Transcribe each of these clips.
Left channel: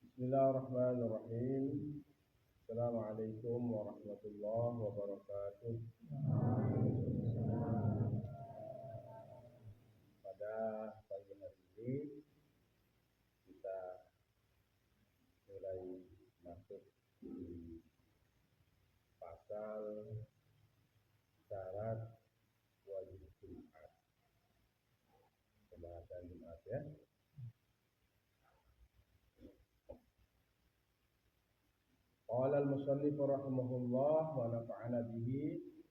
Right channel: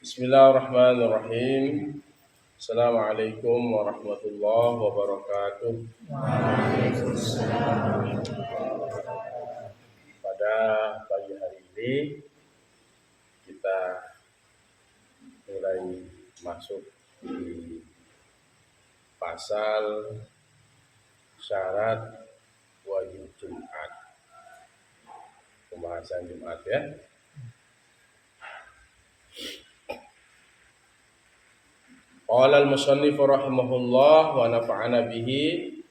Bismillahirrahmanirrahim. Assalamualaikum warahmatullahi wabarakatuh. Pada pagi hari ini kita mulai masuk di pasal syarat wajib Jumat. Pembahasan Jumat ya. Qala al-musannif rahimahullah wa nafa'ana bihi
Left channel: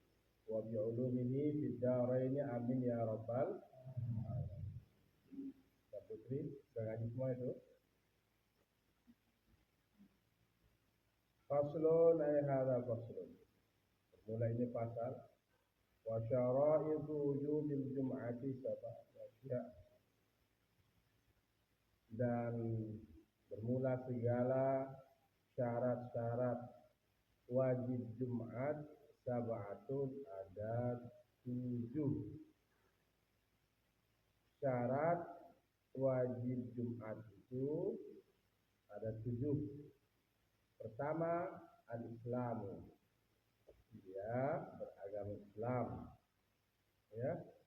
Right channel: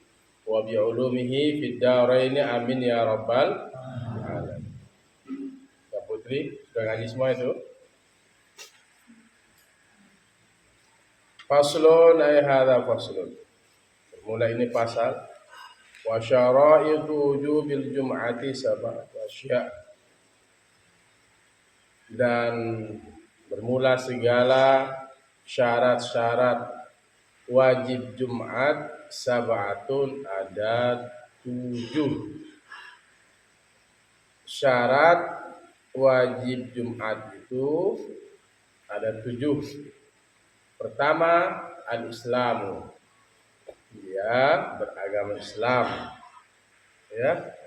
wa bi ulumihi fid dharain amin ya rabbal alamin. Ya Putri, sudah ngaji semua itu? Faslun ay hadza faslun. Mulai ini pasal wa syara'itu wujubil jum'ati sab'atu asya'. Dan bermula segala syarat-syarat wajib Jumat sab'atun, ada 7 syarat wajib Jumat itu ada 7. Pertama, al-Islamu, dia beragama Islam ya.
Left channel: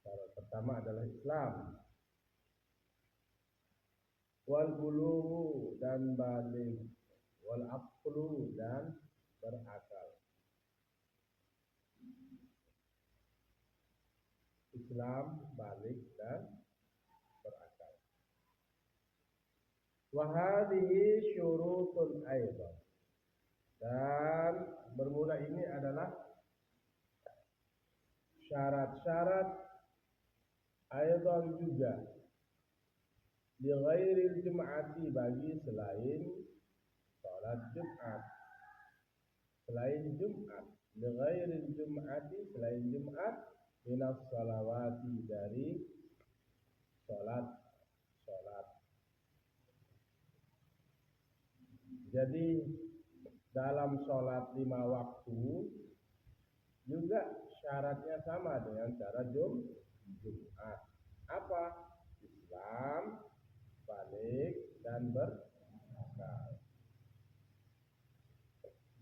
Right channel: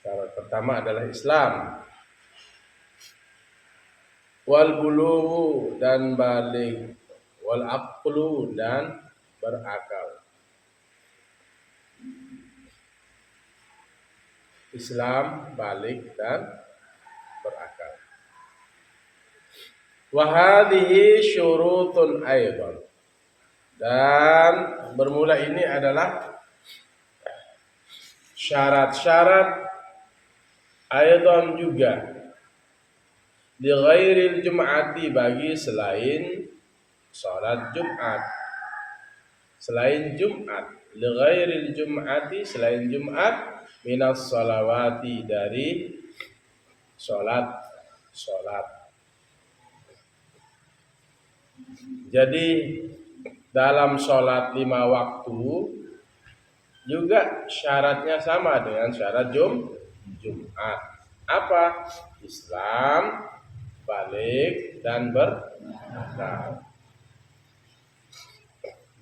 Syarat pertama adalah Islam. Wal bulughu, dan baligh. Wal aqlu, dan berakal. Islam, baligh, dan berakal. Wa hadhihi syurutun aidan, dan bermula ini adalah syarat-syarat aidan juga, li ghairil jum'ati, bagi selain salat Jumat. Selain Jumat, li ghairil jum'ati, selain Jumat, minas salawati, dari salat. Jadi dalam salat 5 waktu juga syaratnya sama dengan syarat Jumat. Apa? Islam, baligh, dan berakal.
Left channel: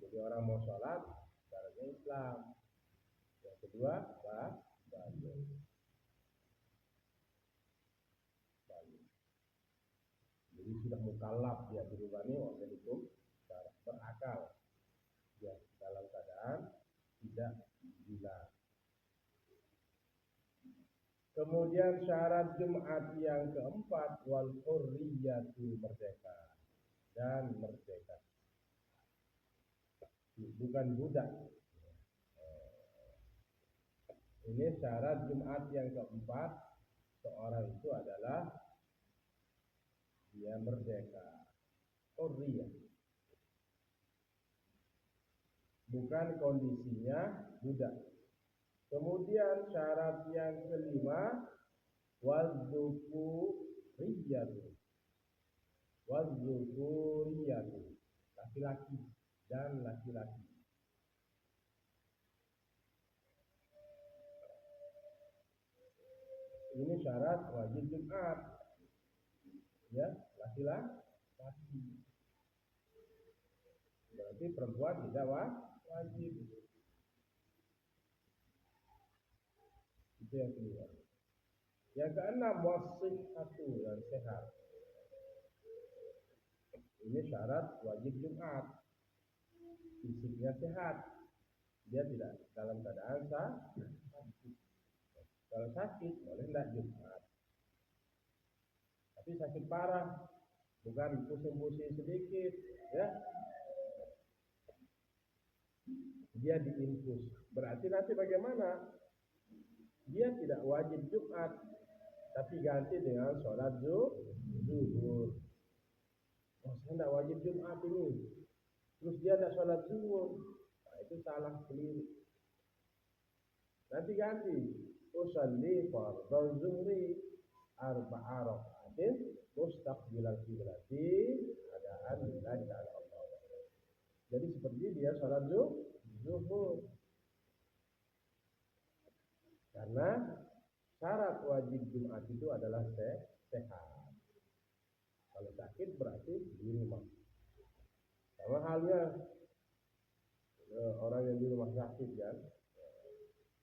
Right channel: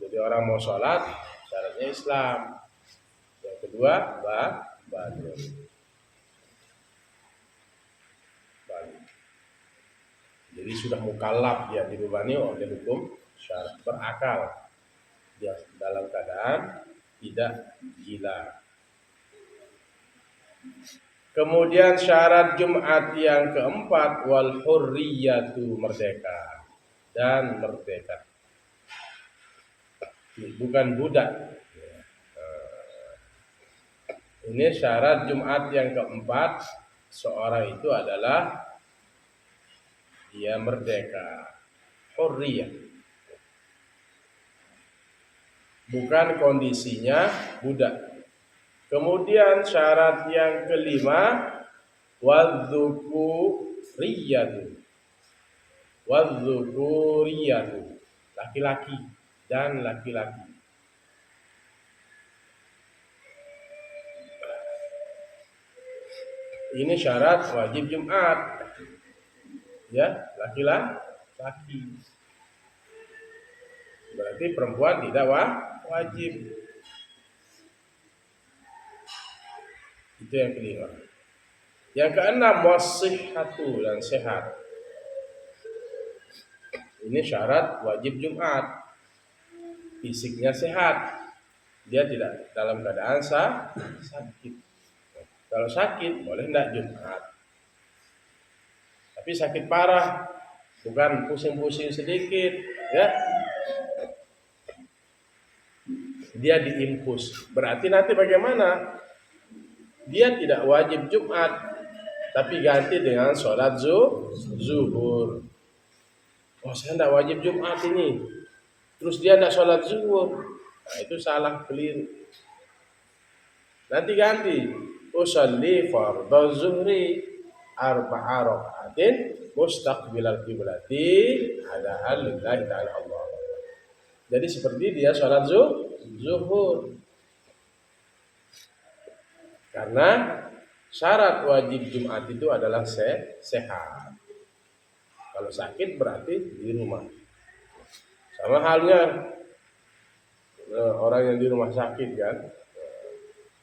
Jadi orang mau sholat syaratnya Islam. Yang kedua baligh. Jadi sudah mukallaf, dia dibebani oleh hukum syarat. Berakal, dia dalam keadaan tidak gila. Kemudian syarat Jumat yang keempat, wal hurriyatu, merdeka dan merdeka. Bukan budak. Ini syarat Jumat yang keempat, seorang itu adalah dia merdeka, hurriyah. Bukan kondisinya budak. Kemudian syarat yang kelima, wadzukuriyatu, laki-laki dan laki-laki. Ini syarat wajib Jumat ya, laki-laki. Berarti perempuan tidak wajib. Itu yang kelima. Yang keenam, wasihhatu, dan sehat. Ini syarat wajib Jumat. Fisiknya sehat, dia tidak dalam keadaan sakit. Kalau sakit boleh enggak Jumat. Tapi sakit parah, bukan pusing-pusing sedikit ya, dia diinfus. Berarti nanti bagaimana? Dia tidak wajib Jumat, tapi ganti dengan sholat zuhur. Oh, saya tidak wajib Jumat ini, terus dia tidak sholat zuhur. Nah, itu salah, keliru. Nanti ganti, usalli fardhu zuhri arba'a raka'atin mustaqbilal qiblati hada'an lillahi ta'ala Allah. Jadi seperti dia sholat zuhur. Karena syarat wajib Jumat itu adalah sehat. Kalau sakit berarti di rumah. Sama halnya orang yang di rumah sakit kan,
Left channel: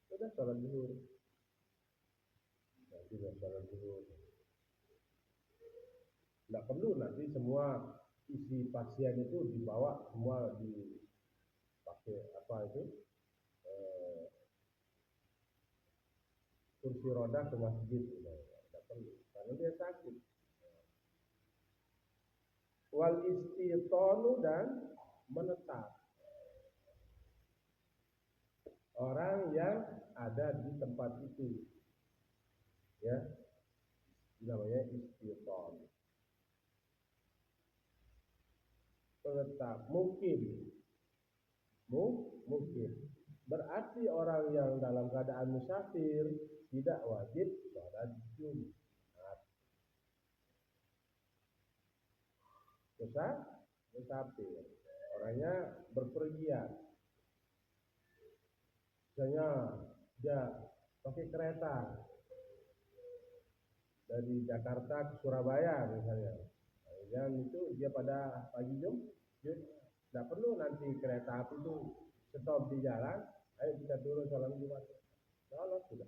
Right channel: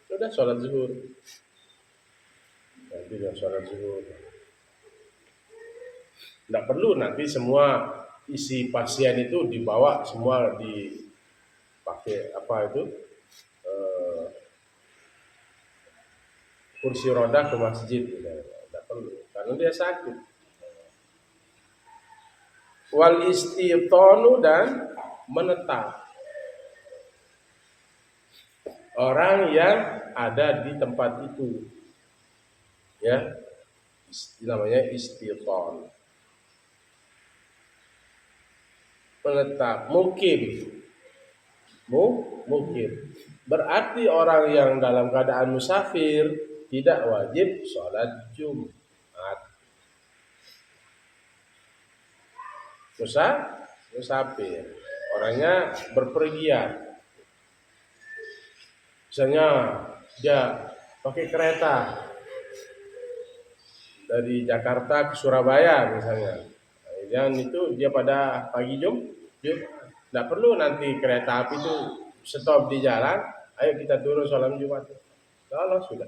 sudah sholat zuhur. Nanti dia sholat zuhur. Tidak perlu nanti semua isi pasien itu dibawa semua dipakai apa itu kursi roda ke masjid. Tidak perlu karena dia sakit. Wal istitonu dan menetap. Orang yang ada di tempat itu, ya, namanya istiton. Menetap, mukim, mukim. Berarti orang yang dalam keadaan musafir tidak wajib sholat Jumat. Musafir, orangnya berpergian. Misalnya dia pakai kereta dari Jakarta ke Surabaya misalnya. Dan itu dia pada pagi Jumat. Tidak perlu nanti kereta api itu stop di jalan. Ayo kita turun sholat Jumat. Kalau sudah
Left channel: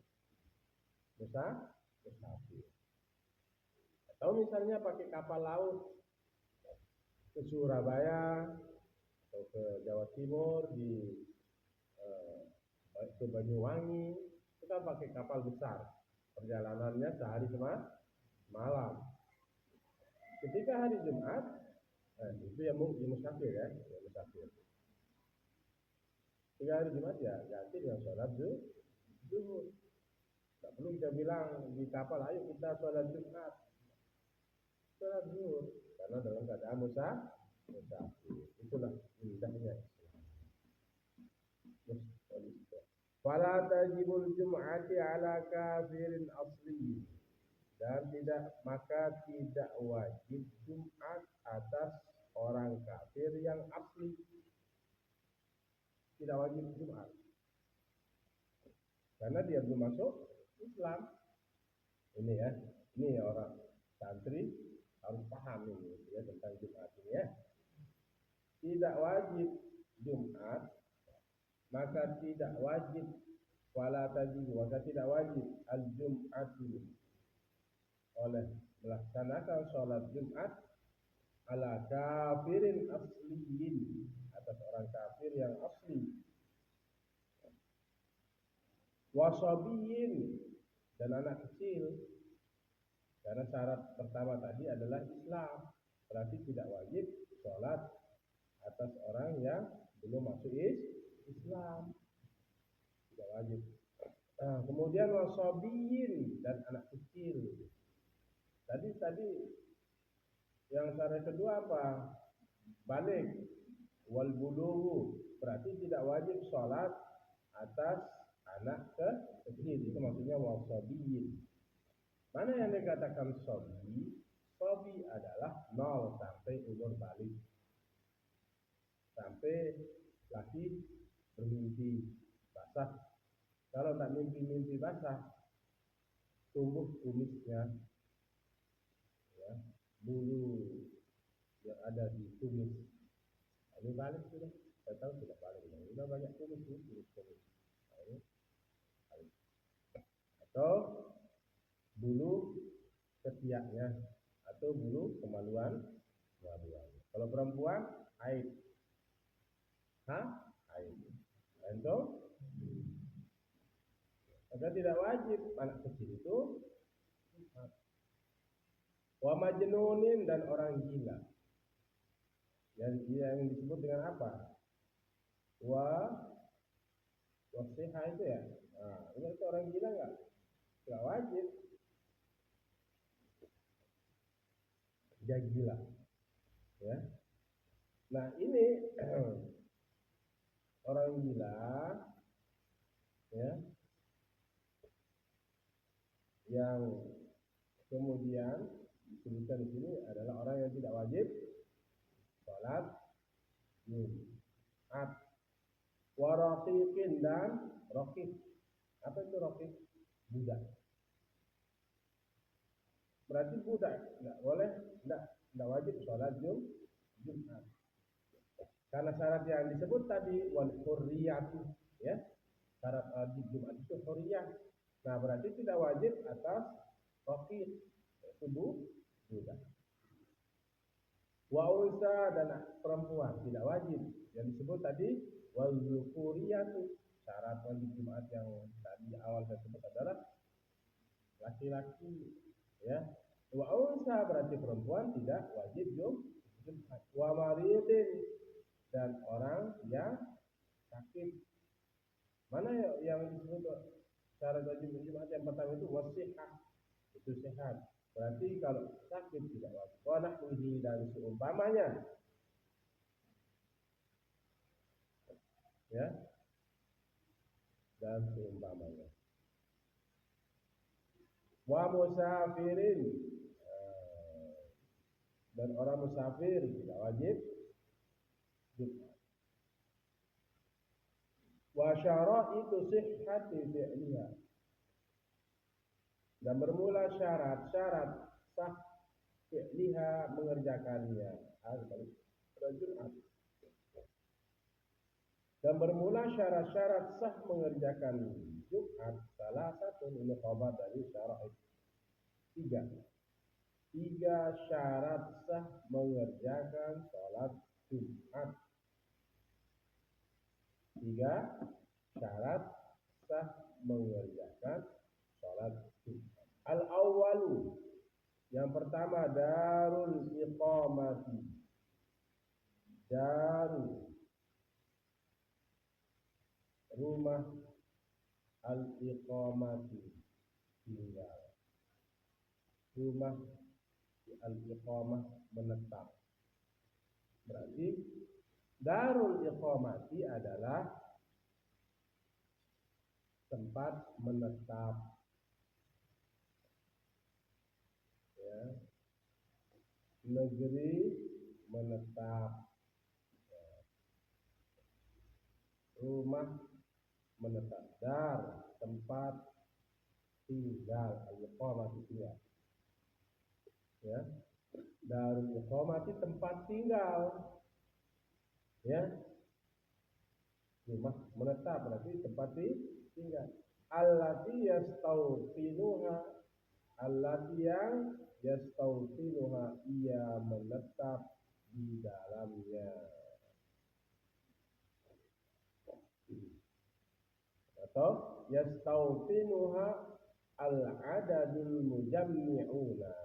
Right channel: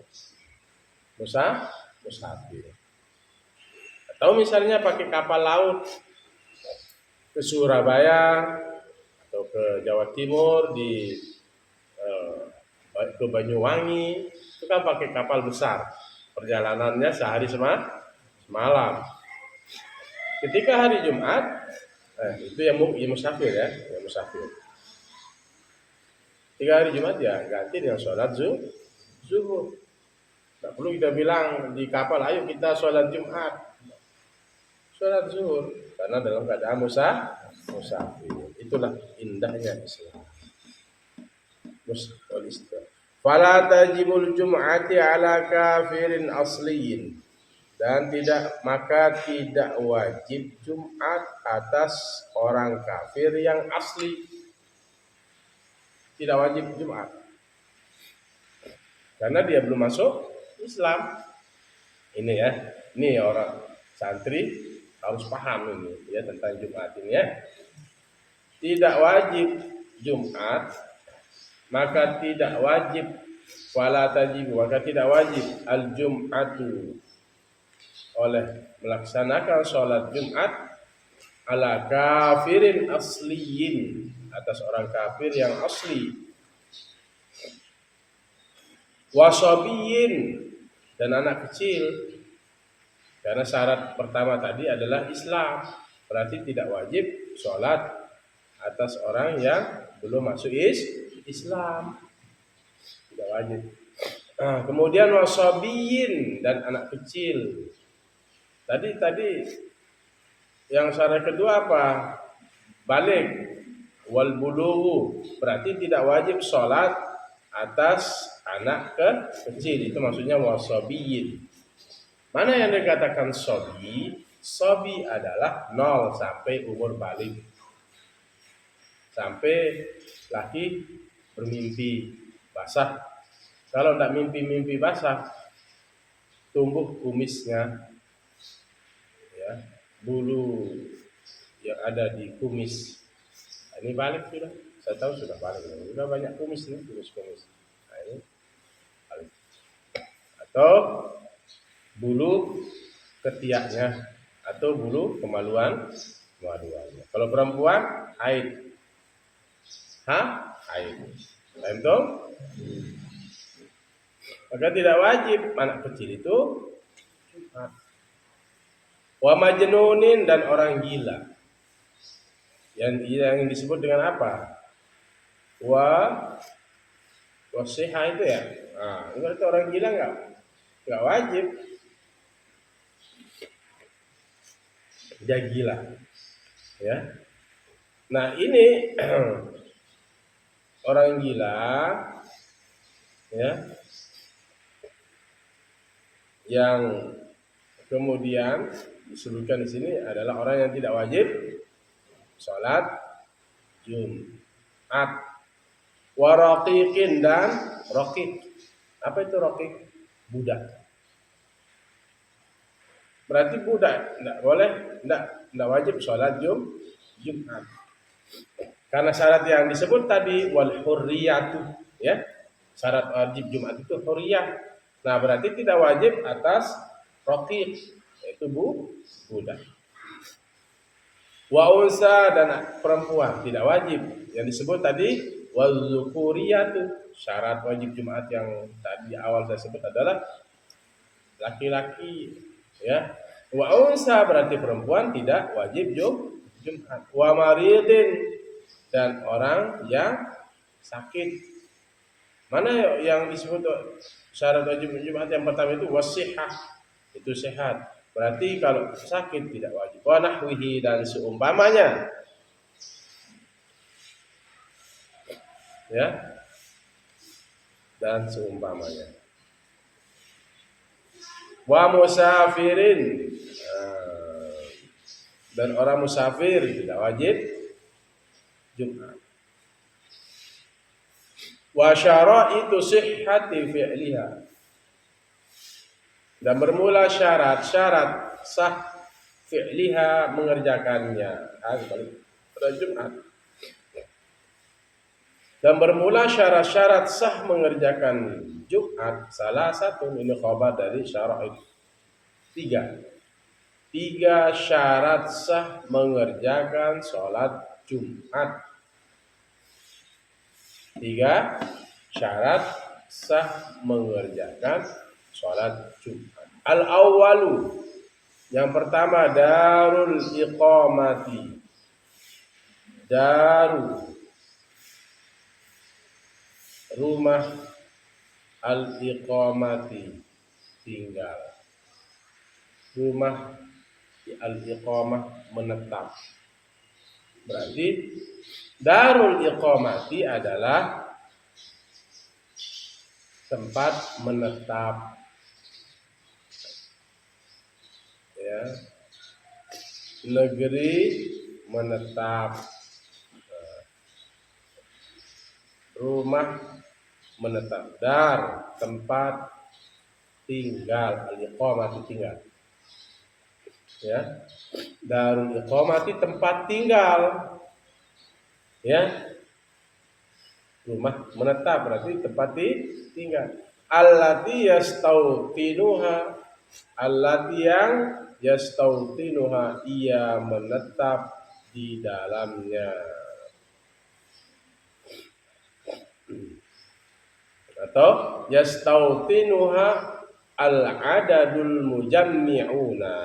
musafir. Atau misalnya pakai kapal laut ke Surabaya atau ke Jawa Timur ke Banyuwangi, itu kan pakai kapal besar. Perjalanannya sehari semalam. Ketika hari Jumat, itu yang musafir ya, yang musafir. Ketika hari Jumat ya ganti dengan sholat zuhur. Tak perlu kita bilang di kapal, ayo kita sholat Jumat, sholat zuhur, karena dalam keadaan musafir. Itulah indahnya Islam. Fala tajibul jum'ati ala kafirin asliyin. Dan maka tidak wajib Jumat atas orang kafir yang asli. Tidak wajib Jumat karena dia belum masuk Islam. Ini ya, ini orang santri harus paham ini ya tentang Jumat ini ya. Tidak wajib Jumat, maka tidak wajib wala tajib, maka tidak wajib al-jum'atu oleh melaksanakan sholat Jumat ala kafirin asliyin atas orang kafir yang asli, wasabiyin dan anak kecil, karena syarat pertama tadi adalah Islam, berarti tidak wajib sholat atas orang yang belum masuk Islam, tidak wajib. Kemudian wasabiyin dan anak kecil. Tadi yang syarat kedua apa? Balik wal bulughu, berarti tidak wajib sholat atas anak kecil, itu maksudnya wasabiyin. Mana yang dikatakan sobi? Sobi adalah 0 sampai umur balik, sampai laki bermimpi basah. Kalau tidak mimpi basah, tumbuh kumisnya, ya, bulu yang ada di kumis. Ini balik sudah, saya tahu sudah balik, sudah banyak kumis nih, kumis. Nah, ini balik. Atau bulu ketiaknya atau bulu kemaluannya. Kalau perempuan haid, haid. Itu maka tidak wajib anak kecil itu Jumat. Wa majnunin dan orang gila. Yang disebut dengan apa? Wasiha itu ya. Nah, itu orang gila enggak wajib. Dia gila. Ya. Nah, ini orang gila ya, yang kemudian disebutkan di sini adalah orang yang tidak wajib sholat Jumat. Waraqiqin dan raqiq. Apa itu raqiq? Budak. Berarti budak enggak boleh, enggak tidak wajib sholat Jumat. Karena syarat yang disebut tadi wal hurriyatu, ya. Syarat wajib Jumat itu hurriyah. Nah, berarti tidak wajib atas raqiq, yaitu budak. Wa unsa dan perempuan tidak wajib. Yang disebut tadi wal zukuriyatu. Syarat wajib Jumat yang tadi awal saya sebut adalah laki-laki, ya. Wa unsa berarti perempuan tidak wajib Jumat. Wa maridin dan orang yang sakit. Mana yang disebut syarat wajib Jumat yang pertama itu wasihah, itu sehat. Berarti kalau sakit tidak wajib. Wa nahwihi dan seumpamanya. Ya. Dan seumpamanya. Wa musafirin. Dan orang musafir tidak wajib Jumat. Wa syara'itu sihhati fi'liha. Dan bermula syarat-syarat sah fi'liha mengerjakannya. Pada Jumat. Dan bermula syarat-syarat sah mengerjakan Jumat. Salah satu ini khabar dari syara'id. 3 syarat sah mengerjakan sholat Jumat. 3 syarat sah mengerjakan sholat Jumat. Al-awwalu, yang pertama darul iqamati. Rumah al-iqamati, tinggal. Rumah al-iqamah, menetap. Berarti darul iqamati adalah tempat menetap, ya. Negeri menetap, rumah menetap. Dar, tempat tinggal, al-iqamati, tinggal, ya. Darul iqamati, tempat tinggal, ya. Rumah menetap berarti tempat tinggal. Allati yastautinuha, allati yang yastautinuha, ia menetap di dalamnya. Atau yastautinuha al-adadul mujammi'una,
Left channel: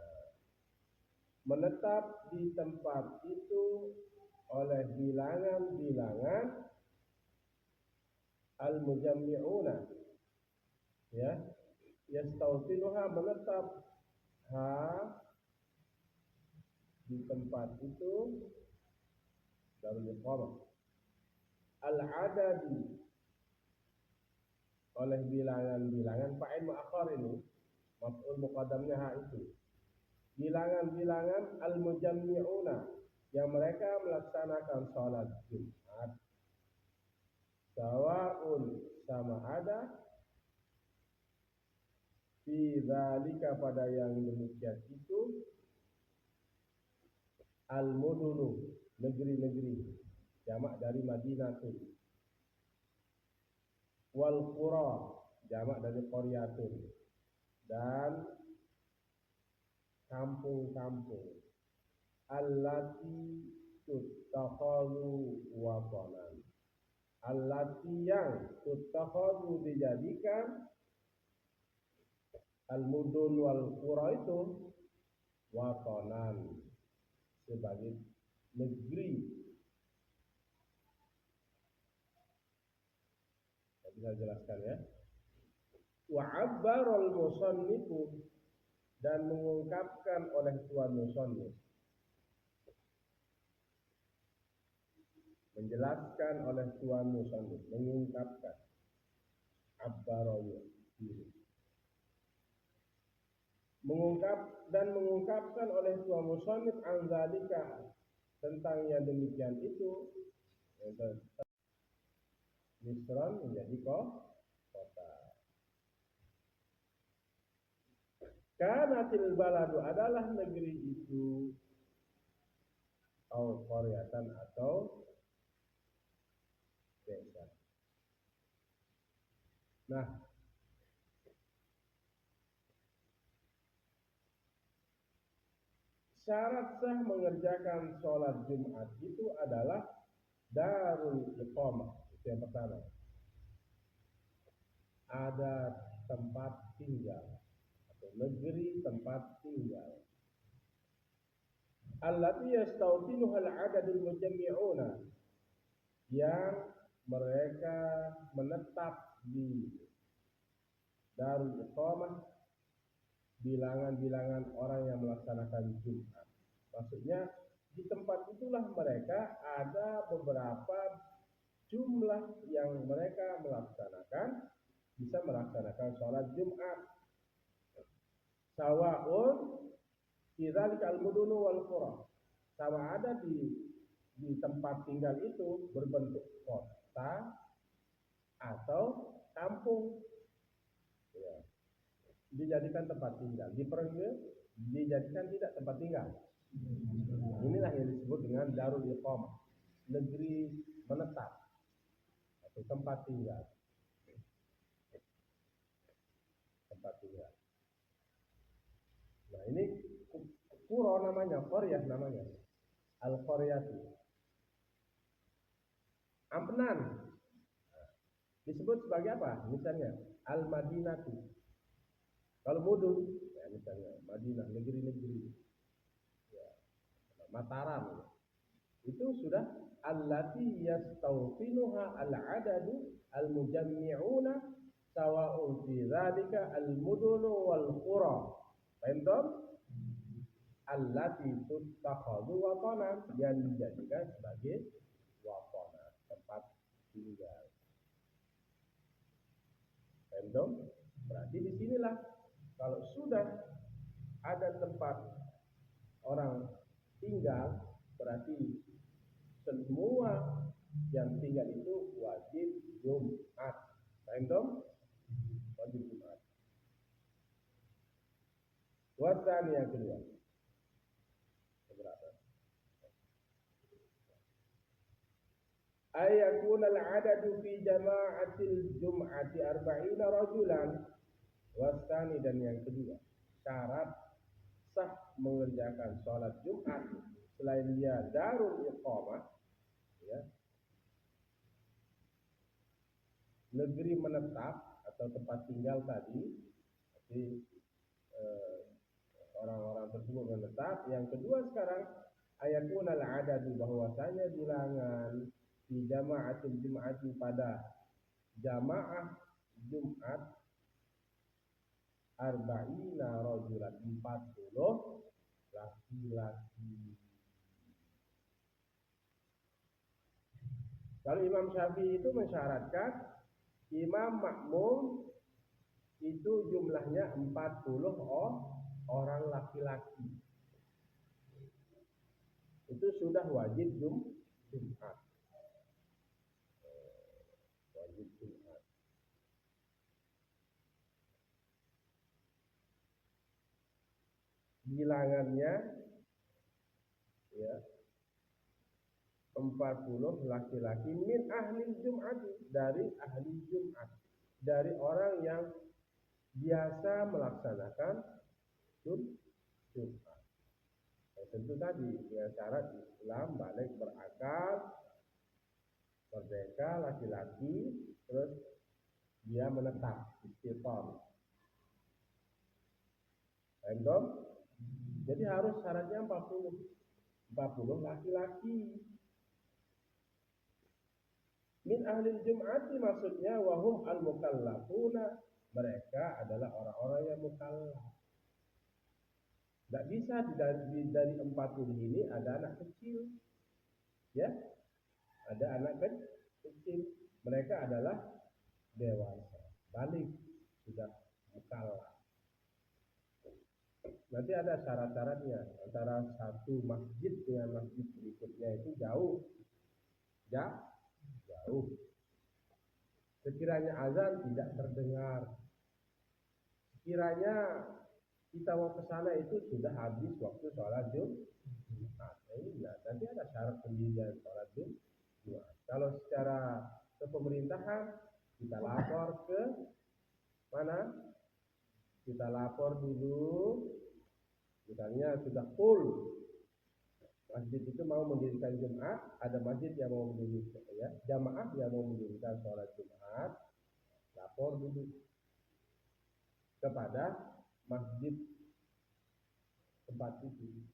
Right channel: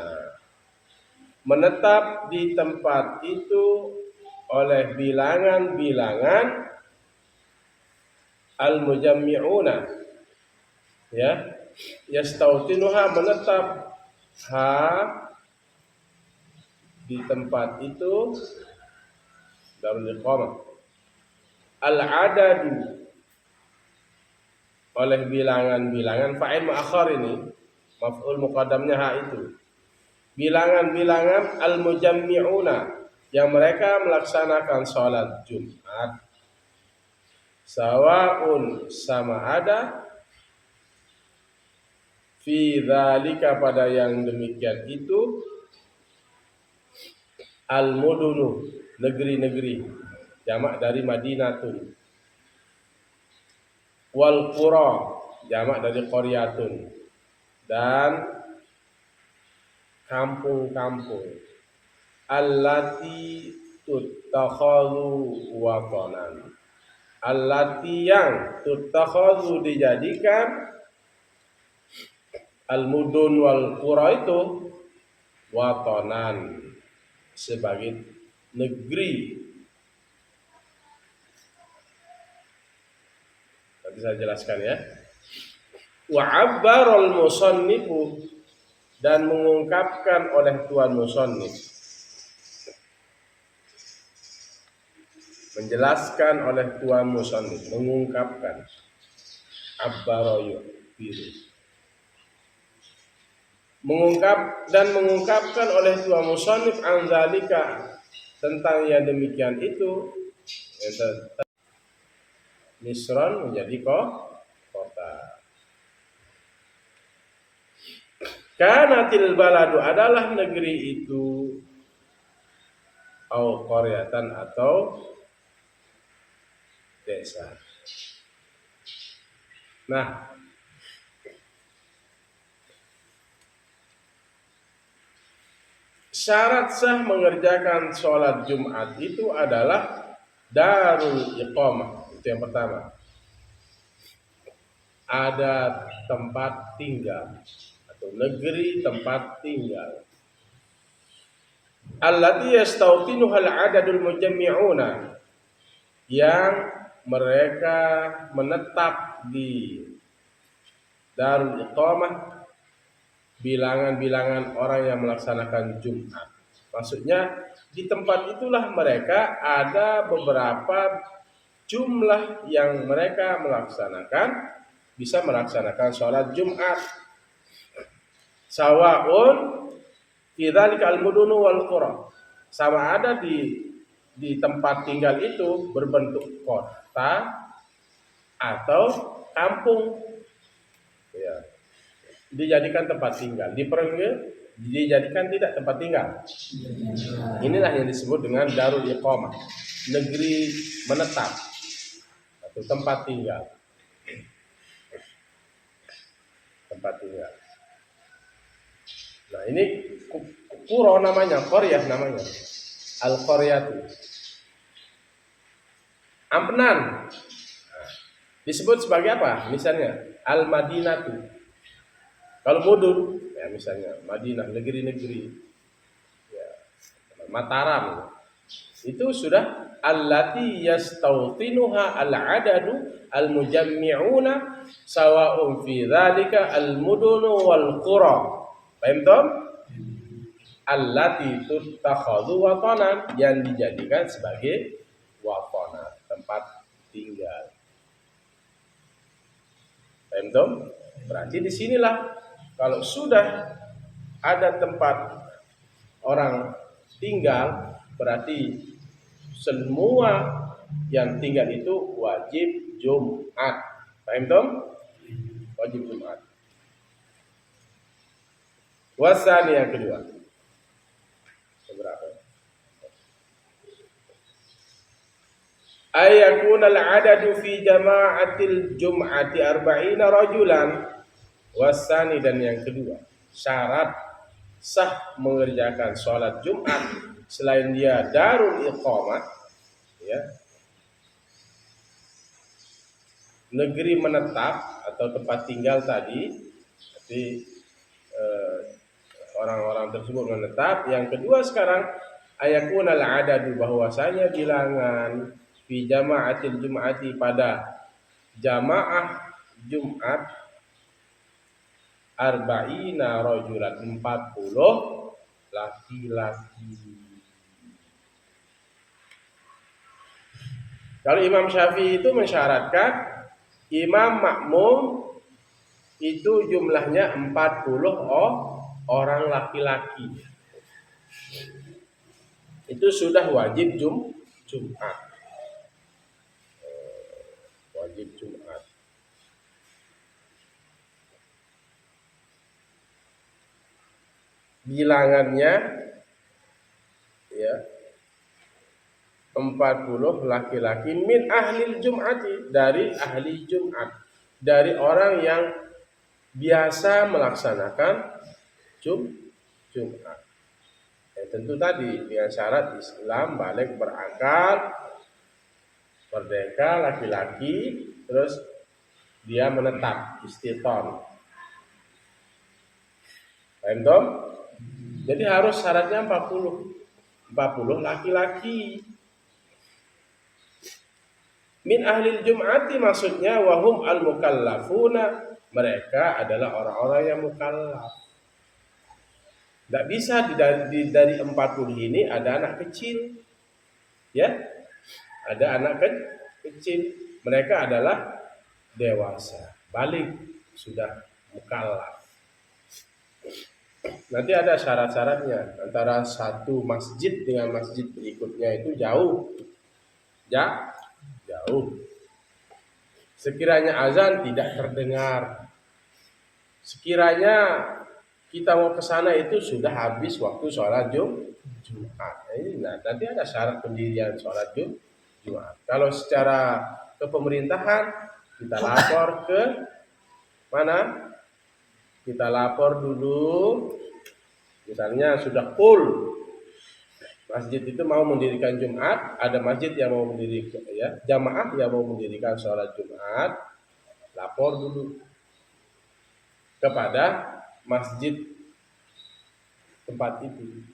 menetap di tempat itu oleh bilangan-bilangan al-mujammi'una, ya. Yastautinuha, menetap di tempat itu darul iqamah. Al-adadu, oleh bilangan-bilangan. Fa'il mu'akhar ini maf'ul muqaddamnya itu. Bilangan-bilangan al-mujammi'una, yang mereka melaksanakan sholat Jumat. Sawa'un, sama ada, fi dzalika, pada yang demikian itu, al-mudunu, negeri-negeri, jamak dari Madinatun. Wal qura, jamak dari qaryatun. Dan kampung-kampung. Allati tuttakhadhu watanan, allati yang tuttakhadhu dijadikan, al-mudun wal qura itu watanan, sebagai negeri. Nanti saya jelaskan, ya. Wa abbarul musannifu, dan mengungkapkan oleh tuan musannif, menjelaskan oleh tuan musannif, mengungkapkan. Abbarayu, biru. Mengungkapkan oleh tuan musannif anzalika, tentang yang demikian itu, Misron menjadi kota. Kanatil baladu, adalah negeri itu, au qaryatan atau desa. Nah, syarat sah mengerjakan sholat Jumat itu adalah darul iqamah. Itu yang pertama. Ada tempat tinggal atau negeri tempat tinggal. Allati yastawtinuha al-adadul mujammi'una, yang mereka menetap di darul iqamah bilangan-bilangan orang yang melaksanakan Jumat. Maksudnya di tempat itulah mereka ada beberapa jumlah yang mereka bisa melaksanakan sholat Jumat. Sawaun fi dzalika al-mudunu wal qura. Sama ada di tempat tinggal itu berbentuk kota atau kampung. Ya. Dijadikan tempat tinggal. Di Perengge dijadikan tidak tempat tinggal. Inilah yang disebut dengan darul iqamah, negeri menetap atau tempat tinggal. Tempat tinggal. Nah, ini qura namanya, qaryah namanya. Al-qaryatu. Ampenan. Disebut sebagai apa? Misalnya Al-Madinatu. Kalau mudun, ya misalnya Madinah, negeri-negeri, ya, Mataram, itu sudah allati yastawtinuha al-adadu al-mujammi'una sawa'un fi dzalika al-mudunu wal qura. Paham toh? Allati tuttakhadhu watanan, yang dijadikan sebagai watana, tempat tinggal. Paham toh? Berarti di sinilah kalau sudah ada tempat orang tinggal, berarti semua yang tinggal itu wajib Jumat. Paham toh? Wajib Jumat. Wasani yang kedua. Seberapa? Ayakuna al-adadu fi jama'atil jum'ati 40 rajulan. Wasani, dan yang kedua, syarat sah mengerjakan sholat Jumat selain dia darul iqamah, ya, negeri menetap atau tempat tinggal tadi, tapi orang-orang tersebut menetap. Yang kedua sekarang, ayakuna al-adadu, bahwasanya bilangan fi jama'atil jum'ati, pada jamaah Jumat, arba'ina rajulan, 40 laki-laki. Kalau Imam Syafi'i itu mensyaratkan imam makmum itu jumlahnya 40 orang laki-laki. Itu sudah wajib Jumat. Wajib Jumat. Bilangannya, ya, 40 laki-laki min ahlil jum'ati, dari ahli Jumat, dari orang yang biasa melaksanakan Jumat. Ya, tentu tadi dengan syarat Islam, balik, berakal, merdeka, laki-laki, terus dia menetap istiqam. Paham toh? Jadi harus syaratnya 40 laki-laki. Min ahlil jum'ati maksudnya wahum al-mukallafuna, mereka adalah orang-orang yang mukallaf. Tidak bisa dari 40 ini ada anak kecil, ya, ada anak kecil. Mereka adalah dewasa, balik, sudah mukallaf. Nanti ada syarat-syaratnya. Antara satu masjid dengan masjid berikutnya itu jauh. Jauh. Sekiranya azan tidak terdengar. Sekiranya kita mau ke sana itu sudah habis waktu sholat Jumat. Nah, nanti ada syarat pendirian sholat Jumat. Kalau secara kepemerintahan kita lapor ke mana? Kita lapor dulu, misalnya sudah full masjid itu mau mendirikan Jumat, ada masjid yang mau mendirikan ya, jamaah yang mau mendirikan sholat Jumat, lapor dulu kepada masjid tempat itu.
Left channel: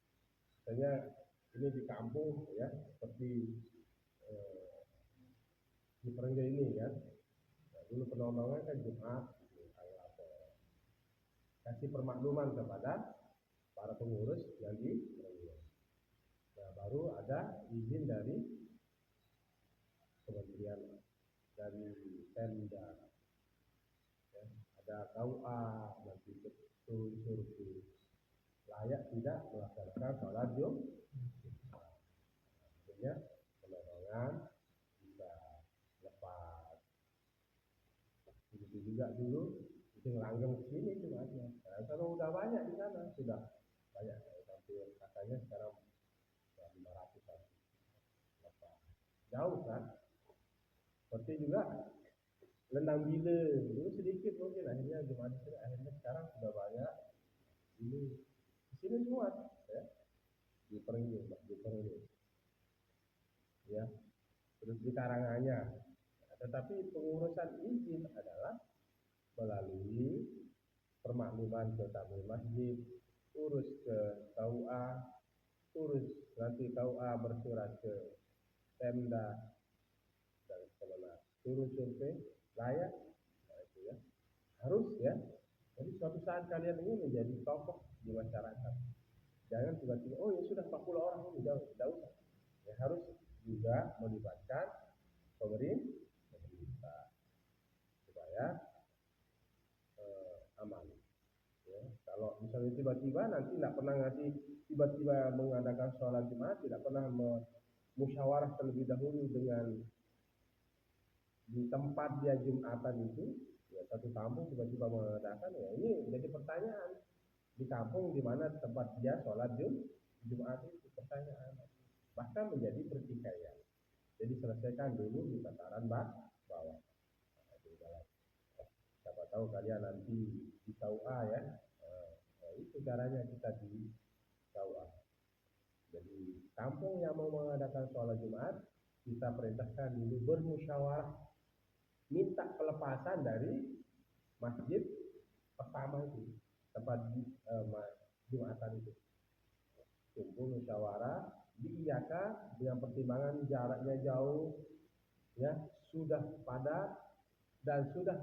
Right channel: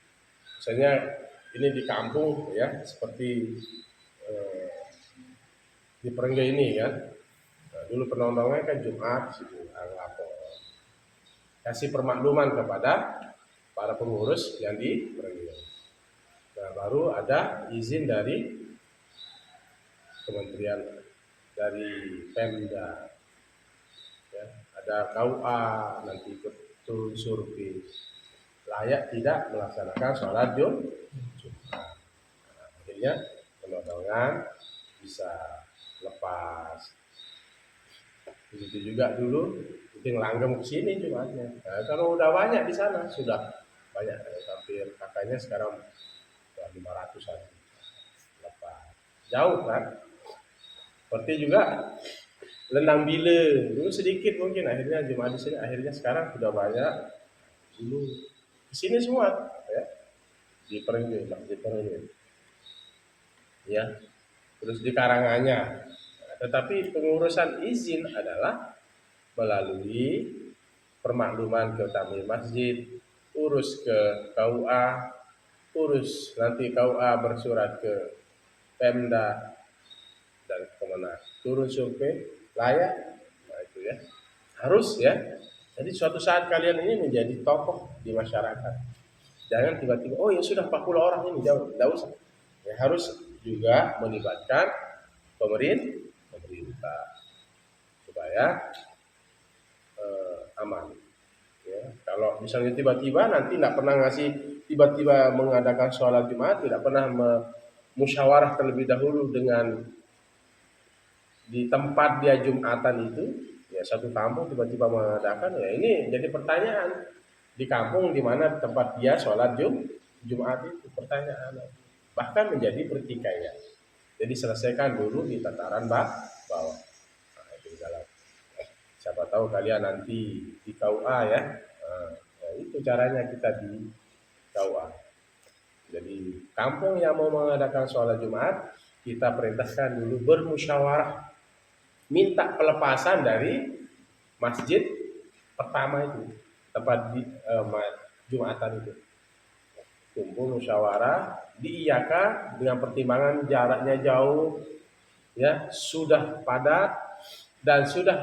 Misalnya ini di kampung ya, seperti di Perengge ini kan. Nah, dulu penontonnya kan Jumat situ, lapor. Kasih permakluman kepada para pengurus yang di Perengge. Nah, baru ada izin dari kementerian, dari Pemda, ya, ada KUA, nanti betul survei layak tidak melaksanakan sholat Jumat. Nah, akhirnya penodongan bisa lepas. Begitu juga dulu itu langgeng ke sini Jumatnya. Nah, kalau udah banyak di sana sudah banyak, hampir kakaknya sekarang 500-an lepas. Jauh kan? Seperti juga Lendang Bile dulu sedikit mungkin, akhirnya Jumat di sini, akhirnya sekarang sudah banyak. Dulu di sini semua ya, di Perengge, di Perengge ya, terus di Karanganyar. Tetapi pengurusan izin adalah melalui permakluman ke tamir masjid, urus ke KUA, urus nanti KUA bersurat ke Pemda dan kemana, turun survei layak. Nah itu ya, harus ya. Jadi suatu saat kalian ini menjadi tokoh di masyarakat. Jangan tiba-tiba, oh ya sudah 40 orang ini, jauh, tidak usah. Ya, harus juga melibatkan pemerintah supaya aman. Ya. Kalau misalnya tiba-tiba nanti tidak pernah ngasih, tiba-tiba mengadakan sholat Jumat, tidak pernah musyawarah terlebih dahulu dengan di tempat dia Jumatan itu, ya satu kampung tiba-tiba mengadakan, ya ini jadi pertanyaan. Di kampung di mana tempat dia sholat Jumat itu pertanyaan, bahkan menjadi pertikaian. Jadi selesaikan dulu di tataran bawah. Nah, itu dalam. Siapa tahu kalian nanti di KUA ya. Nah, itu caranya kita di KUA. Jadi kampung yang mau mengadakan sholat Jumat, kita perintahkan dulu bermusyawarah, minta pelepasan dari masjid pertama itu, tempat di Jumatan itu. Kumpul musyawarah, diiyakan dengan pertimbangan jaraknya jauh, ya sudah padat dan sudah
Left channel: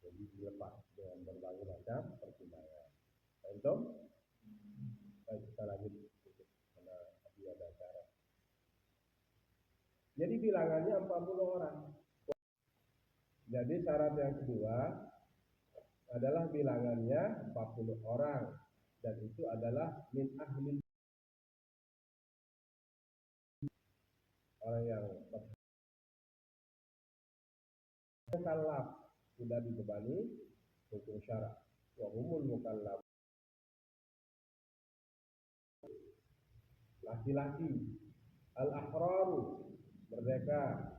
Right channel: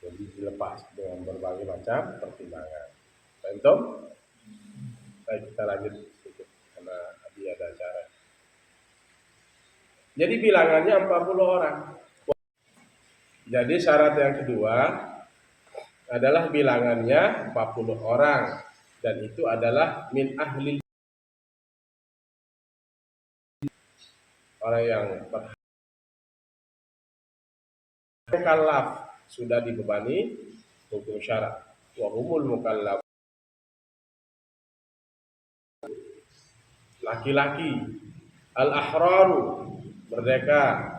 jadi dilepas dengan berbagai macam pertimbangan. Contoh, baik kita lanjut sedikit karena tadi ada acara. Jadi bilangannya 40 orang. Jadi syarat yang kedua adalah bilangannya 40 orang, dan itu adalah min ahli, orang yang mukallaf, sudah dibebani hukum syarak. Wa humul mukallaf, laki-laki, al-ahraru, merdeka,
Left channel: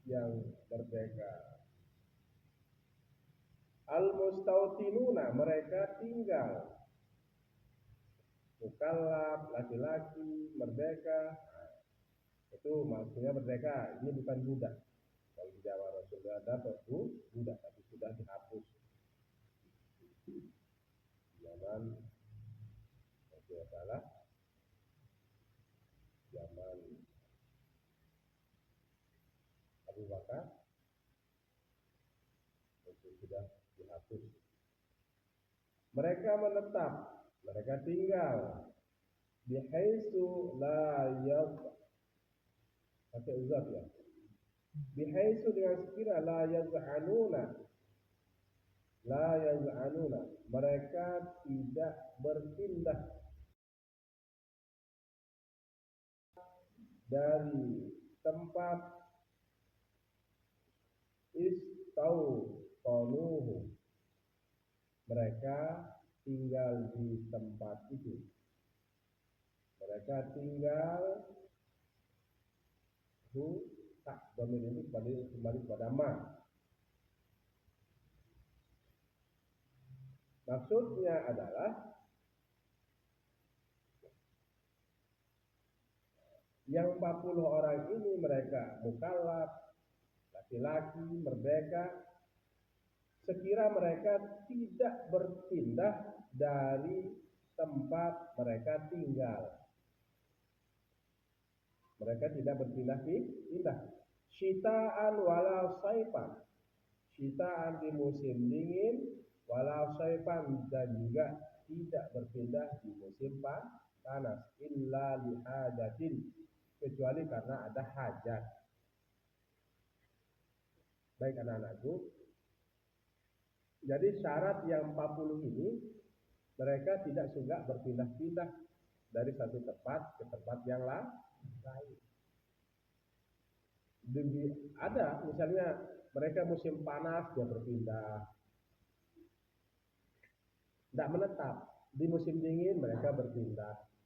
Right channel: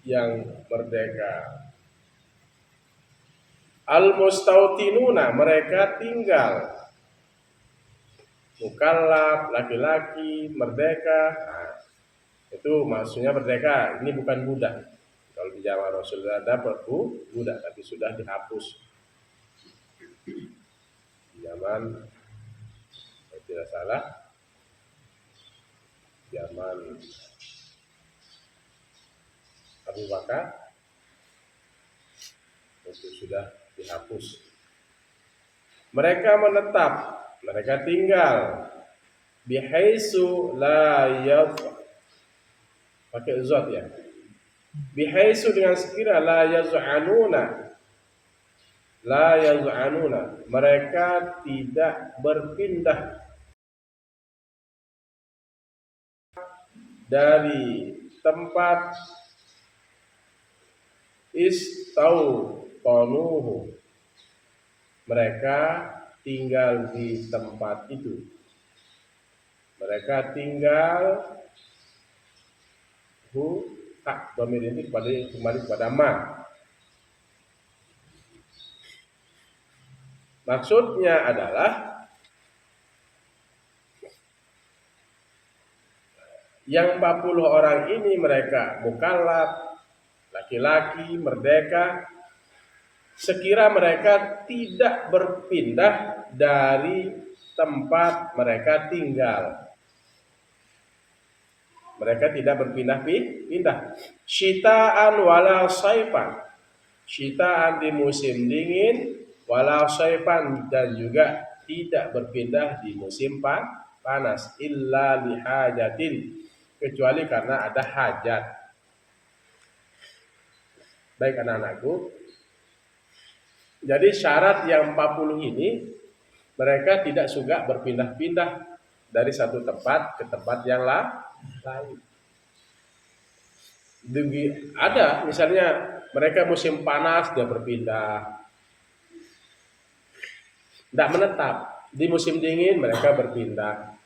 yang merdeka, al-mustautinuna, mereka tinggal. Mukallaf, laki-laki, merdeka. Nah, itu maksudnya merdeka, ini bukan budak. Kalau di zaman Rasulullah ada budak, tapi sudah dihapus di zaman, kalau tidak salah, zaman Abu Bakar itu sudah dihapus. Mereka menetap, mereka tinggal bihaisu la yaf, pakai zat ya, bihaisu dengan sekira la yaz'anuna, mereka tidak berpindah dari tempat istautonuhu, mereka tinggal di tempat itu. Mereka tinggal hak domir ini kembali kepada ma. Maksudnya adalah yang 40 orang ini mereka mukallaf, laki-laki, merdeka, sekira mereka tidak berpindah dari tempat mereka tinggal. Mereka tidak berpindah-pindah. Syitaan wala saifan. Syitaan di musim dingin, wala saifan, dan juga tidak berpindah di musim panas. Illa lihajatin, kecuali karena ada hajat. Baik anak-anakku, jadi syarat yang 40 ini, mereka tidak suka berpindah-pindah dari satu tempat ke tempat yang lain. Ada misalnya mereka musim panas dia berpindah, tidak menetap. Di musim dingin mereka berpindah,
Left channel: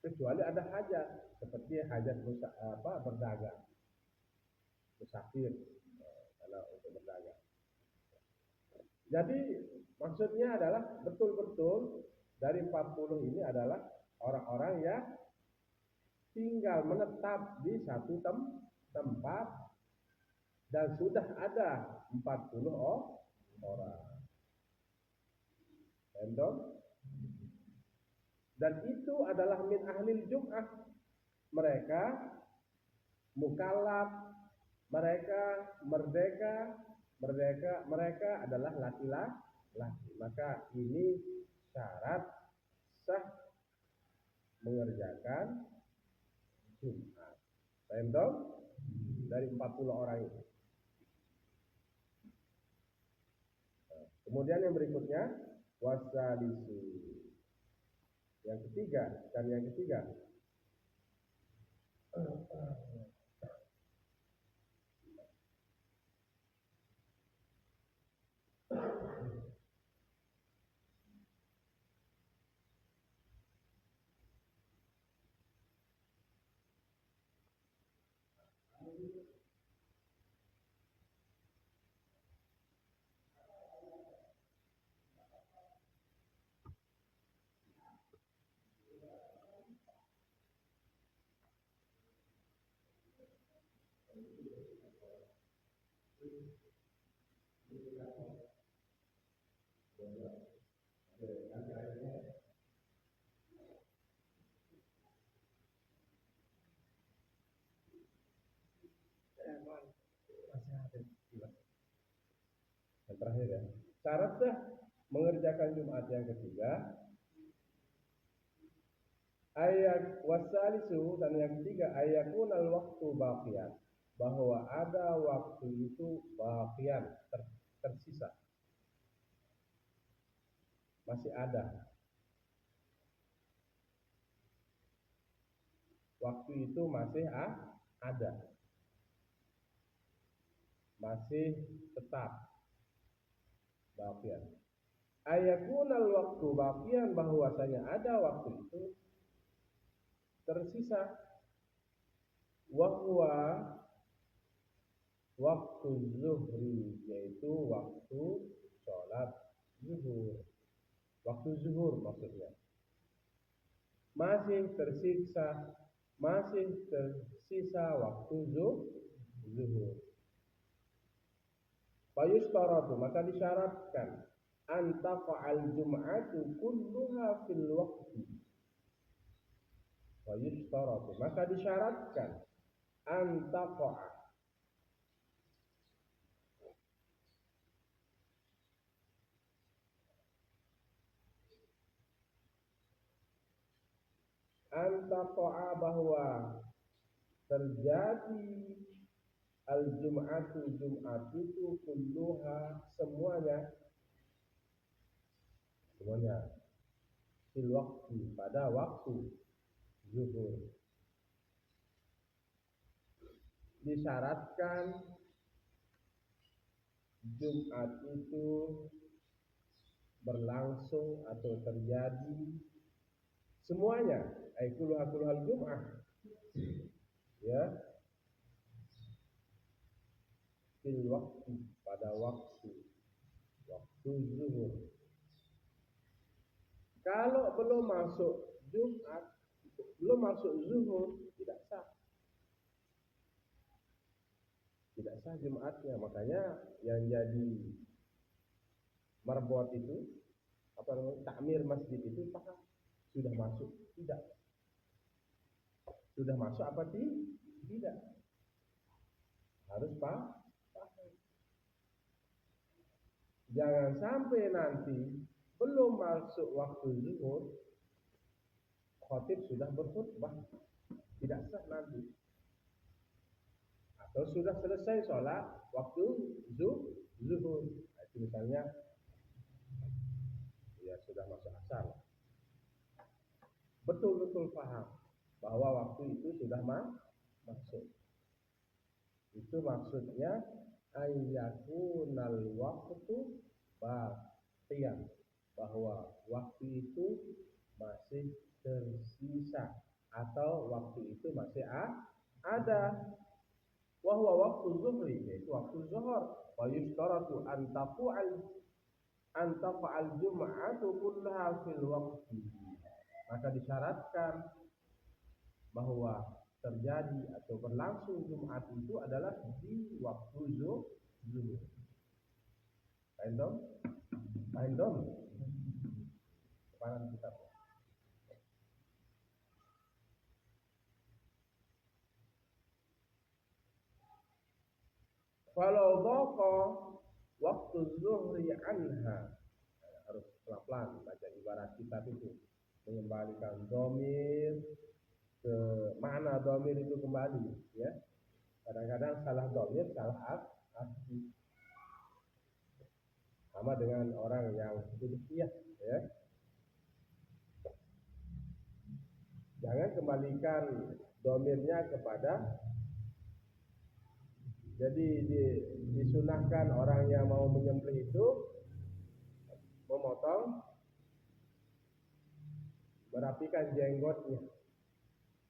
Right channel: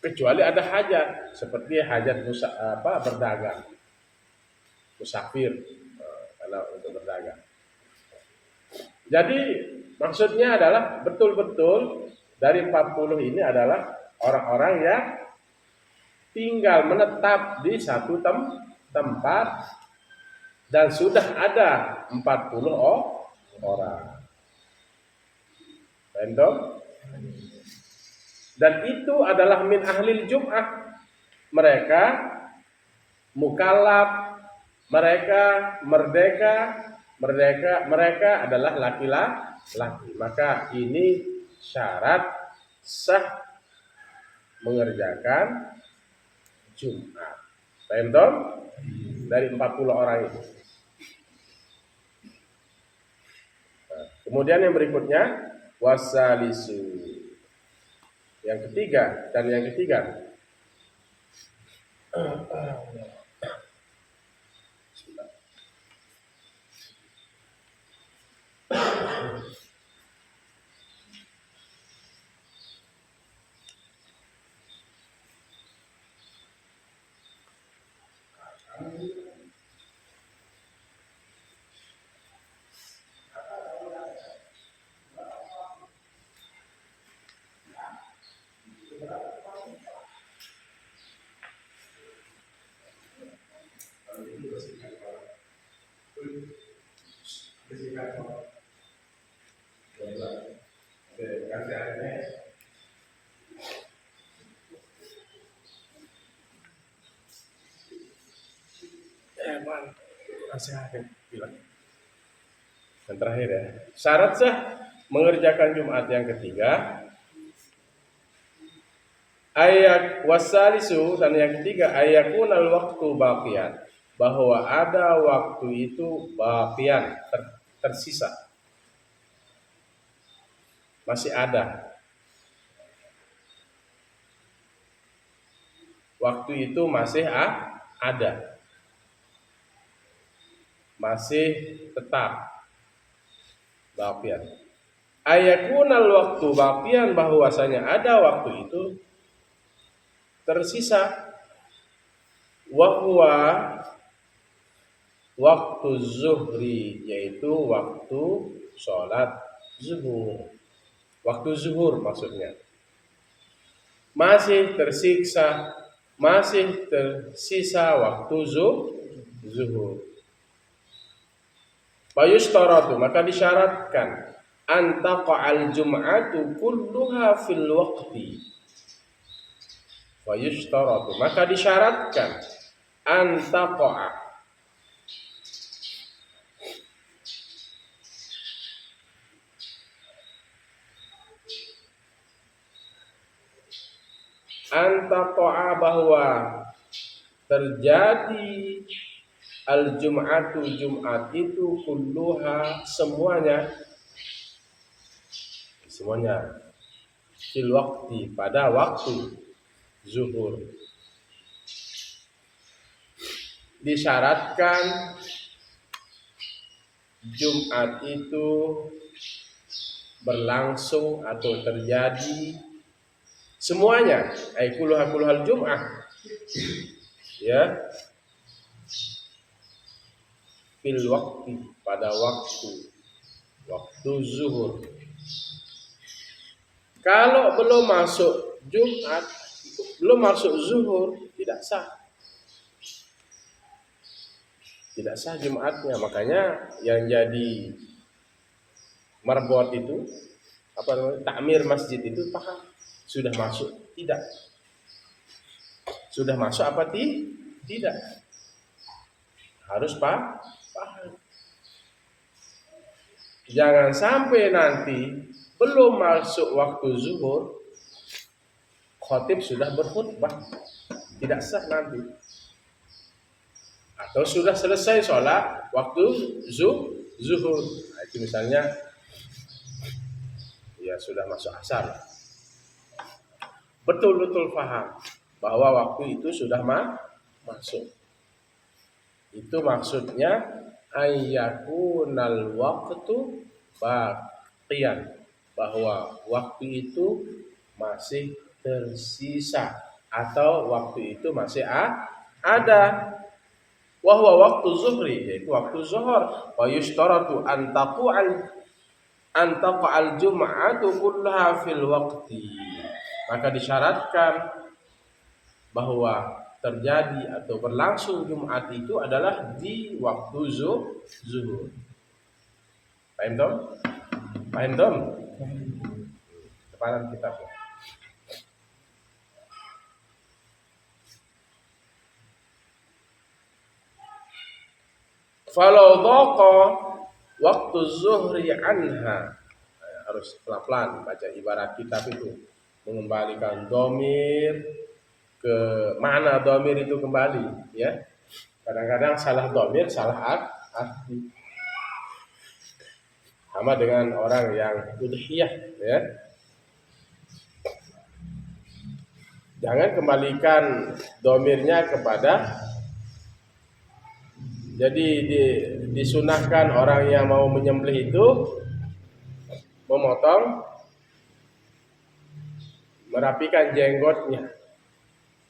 kecuali ada hajat, seperti hajat berdagang, musafir, karena untuk berdagang. Jadi maksudnya adalah betul-betul dari 40 ini adalah orang-orang yang tinggal menetap di satu tempat dan sudah ada 40 orang. Random. Dan itu adalah min ahlil jum'ah. Mereka mukallaf, mereka merdeka, mereka adalah laki-laki. Maka ini syarat sah mengerjakan Jumat. Random dari 40 orang itu. Kemudian yang berikutnya wasalisu. Yang ketiga dan yang ketiga. Yang terakhir ya, syarat sah mengerjakan Jumat yang ketiga, ayat wasalisu, dan yang ketiga ayakunal waktu baqiyan, bahwa ada waktu itu baqiyan, tersisa, masih ada. Waktu itu masih ada, masih tetap baqiyan. Ayakunal waktu baqiyan, bahwasanya ada waktu itu tersisa, wahwa waktu zuhri, yaitu waktu sholat zuhur. Waktu zuhur maksudnya masih tersisa waktu zuhur. Fayushtaratu, maka disyaratkan antaqa'al jum'atu kulluha fil waqti. Fayushtaratu, maka disyaratkan antaqa'a, bahwa terjadi al-jum'atu, Jumat itu kulluha, semuanya fil waqti, pada waktu zuhur. disyaratkan Jumat itu berlangsung atau terjadi semuanya, kulluhal Jum'ah, ya, fil waktu, pada waktu zuhur. Kalau belum masuk Jumat, belum masuk zuhur, tidak sah. Tidak sah Jumatnya. Makanya yang jadi marbot itu, takmir masjid itu paham sudah masuk tidak? Sudah masuk apa tidak? Harus paham. Jangan sampai nanti belum masuk waktu zuhur, khatib sudah berkhutbah, tidak sah nanti. Atau sudah selesai sholat waktu zuhur. Nah, itu misalnya ya sudah masuk asar. Betul-betul paham bahwa waktu itu sudah masuk. Itu maksudnya ayyakunal waqtu baqiyan, bahwa waktu itu masih tersisa atau waktu itu masih ada. Wa huwa waktu zuhri, yaitu waktu zuhur. Wa yushtaratu an taqa'al jum'atu kullaha fil waqti. Maka disyaratkan bahwa terjadi atau berlangsung Jumat itu adalah di waktu zuhur. Paham dong? Paham dong? Depanan kitabnya. Falau dhaqa waktu zuhri anha, harus pelan-pelan baca ibarat kitab itu, mengembalikan domir ke mana domir itu kembali, ya. Kadang-kadang salah domir, salah arti. Sama dengan orang yang udhiyah, ya. Jangan kembalikan domirnya kepada, jadi disunahkan orang yang mau menyembelih itu memotong, merapikan jenggotnya.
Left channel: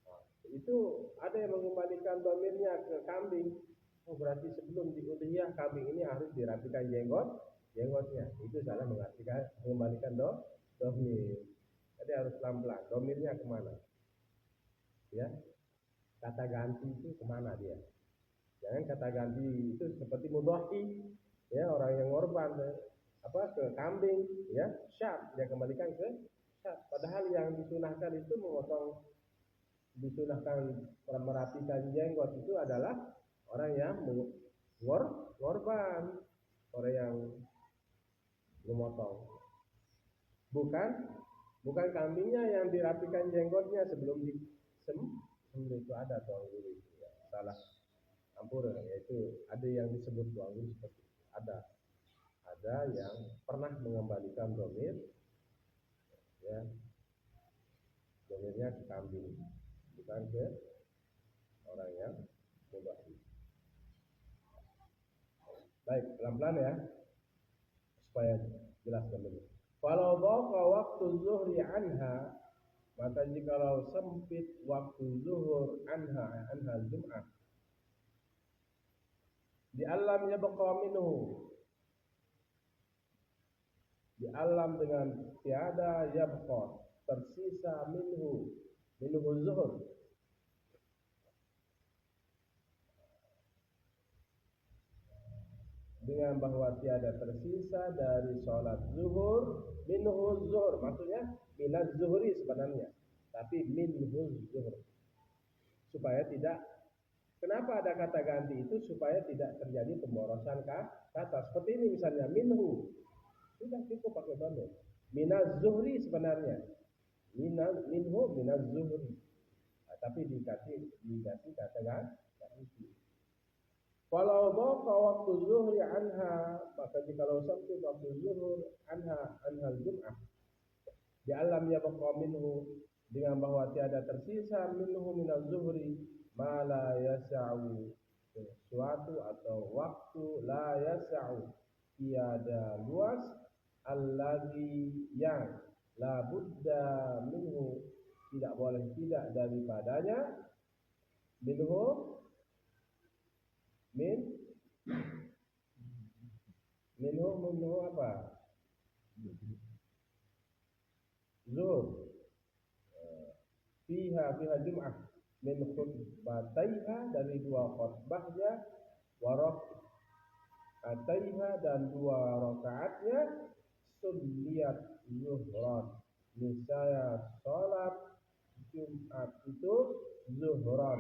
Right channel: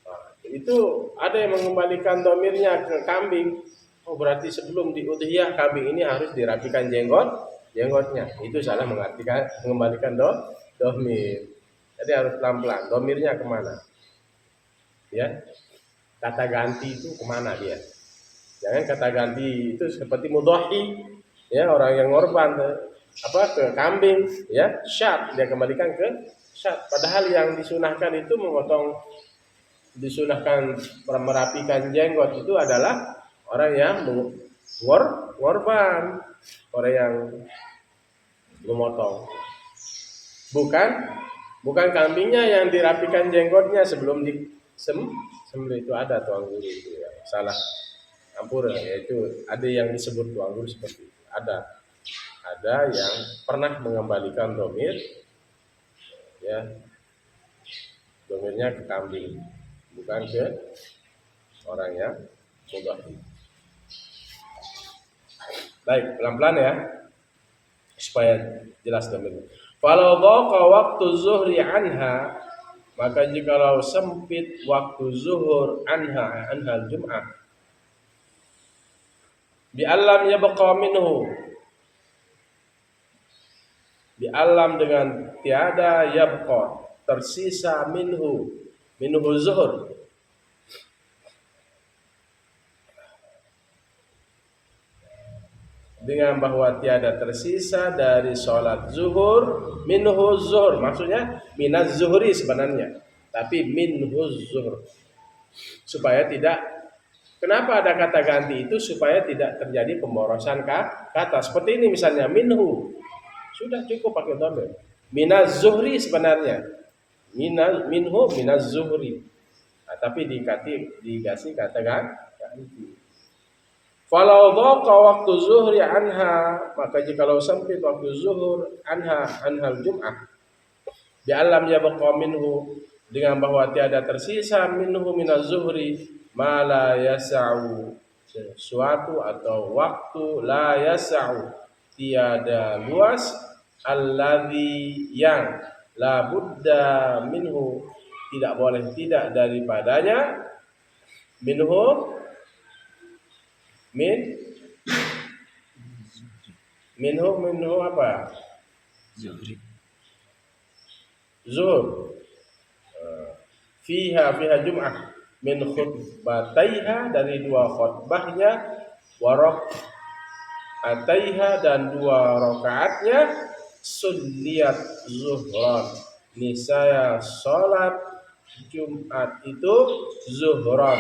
Nah, itu ada yang mengembalikan domirnya ke kambing. Oh, berarti sebelum diudhiyah kambing ini harus dirapikan jenggotnya. Itu salah mengartikan mengembalikan domir. Jadi harus pelan-pelan. Domirnya kemana? Ya, kata ganti itu kemana dia? Jangan kata ganti itu seperti mudhahi, ya, orang yang ngorban ke kambing, ya, syat, dia kembalikan ke syat. Padahal yang disunahkan itu disunahkan merapikan jenggot itu adalah orang yang ngorban, orang yang memotong. Bukan kambingnya yang dirapikan jenggotnya sebelum disembelih. Itu ada tuang guru itu ya. Salah campur, yaitu ada yang disebut tuang guru seperti itu. Ada yang pernah mengembalikan domir, ya, domirnya ke kambing, bukan ke orang yang mudhahi. Baik, pelan-pelan ya, supaya jelas domirnya. Kalau dhaqa waktu zuhri anha, maka jikalau sempit waktu zuhur anha Jum'ah, bi alam yabqa minhu, bi alam dengan tiada, yabqa tersisa, minhu zuhur, dengan bahwa tiada tersisa dari sholat zuhur, minhu zuhur, maksudnya minaz zuhri sebenarnya, tapi minhu zuhur, supaya tidak, kenapa ada kata ganti itu? Supaya tidak terjadi pemborosan kata. Seperti ini misalnya, minhu, sudah cukup pakai dhamir. Minaz zuhri sebenarnya, minhu minaz zuhri, nah, tapi dikasih kata ganti. Falau dhaqa waktu zuhri anha, maka jikalau sempit waktu zuhur anhal Jum'ah, bi alam yabqa minhu, dengan bahwa tiada tersisa minhu minaz zuhri ma la yas'u, sesuatu atau waktu la yas'u tiada luas alladzi yang la budda minhu tidak boleh tidak daripadanya minhu min minhu apa zuhur fiha jum'ah min khutbataiha dari dua khutbahnya warok ataiha dan dua rakaatnya sunniyat zuhran nisaya salat Jumat itu zuhran.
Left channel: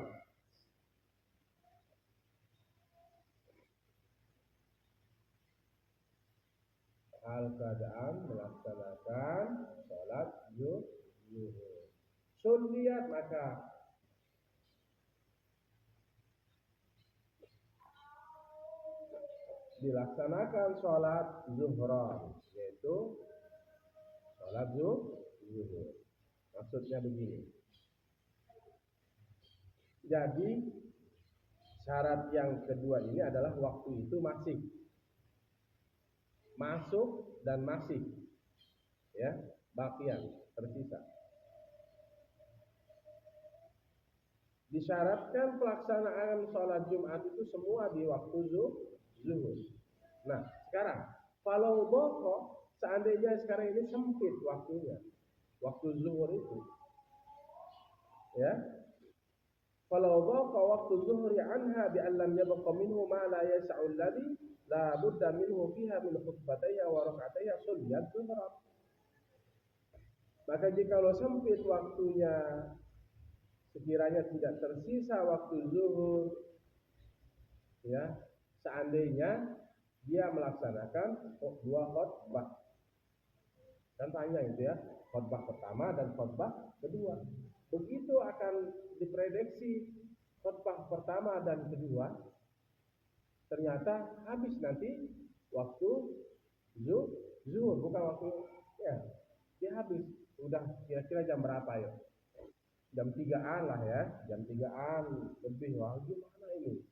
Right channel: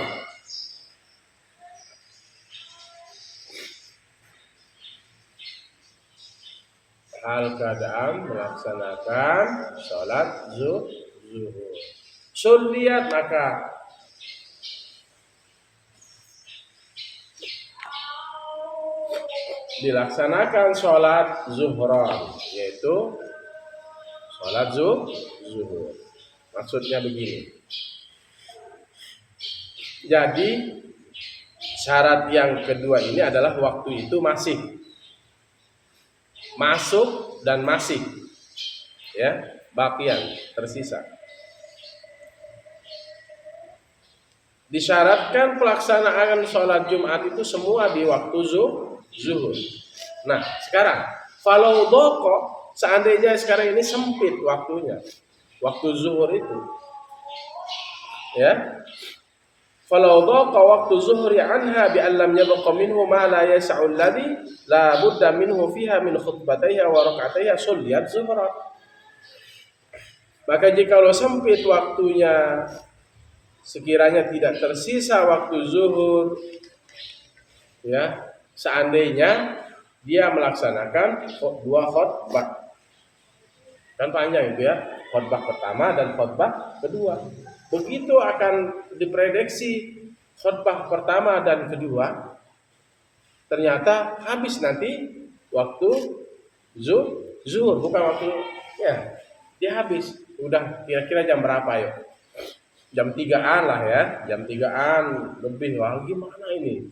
Hal keadaan melaksanakan salat zuhur. Sunniyat maka dilaksanakan sholat zuhran, yaitu sholat zuhur. Maksudnya begini. Jadi syarat yang kedua ini adalah waktu itu masih masuk dan masih ya baqiyan tersisa. Disyaratkan pelaksanaan sholat Jumat itu semua di waktu zuhur. Nah, sekarang falau doko seandainya sekarang ini sempit waktunya, waktu zuhur itu, ya. Falau doko waktu zuhri anha bi an lam yabqa minhu ma la yas'u alladhi la budda minhu fiha min khutbataiha wa rak'ataiha sulliyat zuhra. Maka jikalau sempit waktunya, sekiranya tidak tersisa waktu zuhur, ya, seandainya dia melaksanakan dua khutbah, kan panjang itu ya, khutbah pertama dan khutbah kedua. Begitu akan diprediksi khutbah pertama dan kedua, ternyata habis nanti waktu zuhur, bukan waktu ya, dia habis. Udah kira-kira jam berapa yuk? Jam 3-an lah ya, jam 3-an lebih. Wah, gimana ini?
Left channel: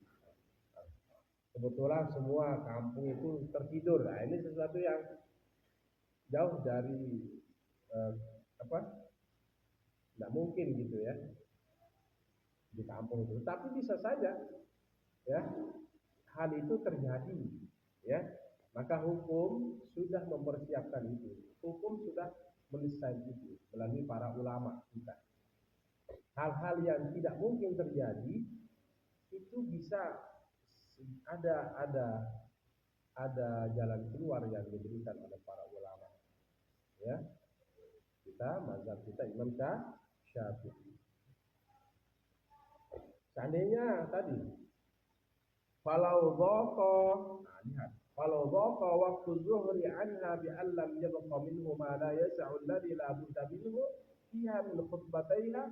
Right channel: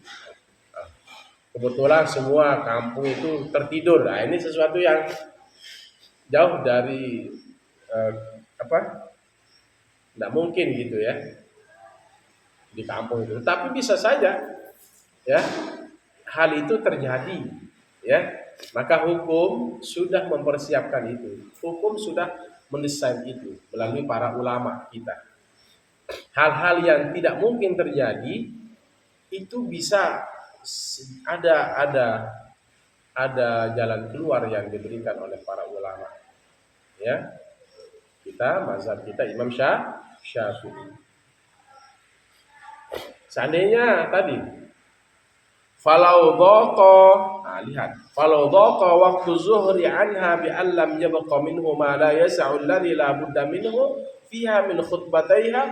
Kebetulan semua kampung itu tertidur. Nah, ini sesuatu yang jauh dari tidak mungkin gitu ya di kampung itu. Tapi bisa saja ya hal itu terjadi ya. Maka hukum sudah mempersiapkan itu. Hukum sudah mendesain itu melalui para ulama kita. Hal-hal yang tidak mungkin terjadi itu bisa ada jalan keluar yang diberikan oleh para ulama. Ya. Mazhab kita Imam Syafi'i. Seandainya tadi falau dhaqa, lihat, falau dhaqa waktu zuhri anha bi an lam yabqa minhu ma la yas'u alladhi la budda minhu fiha min khutbataiha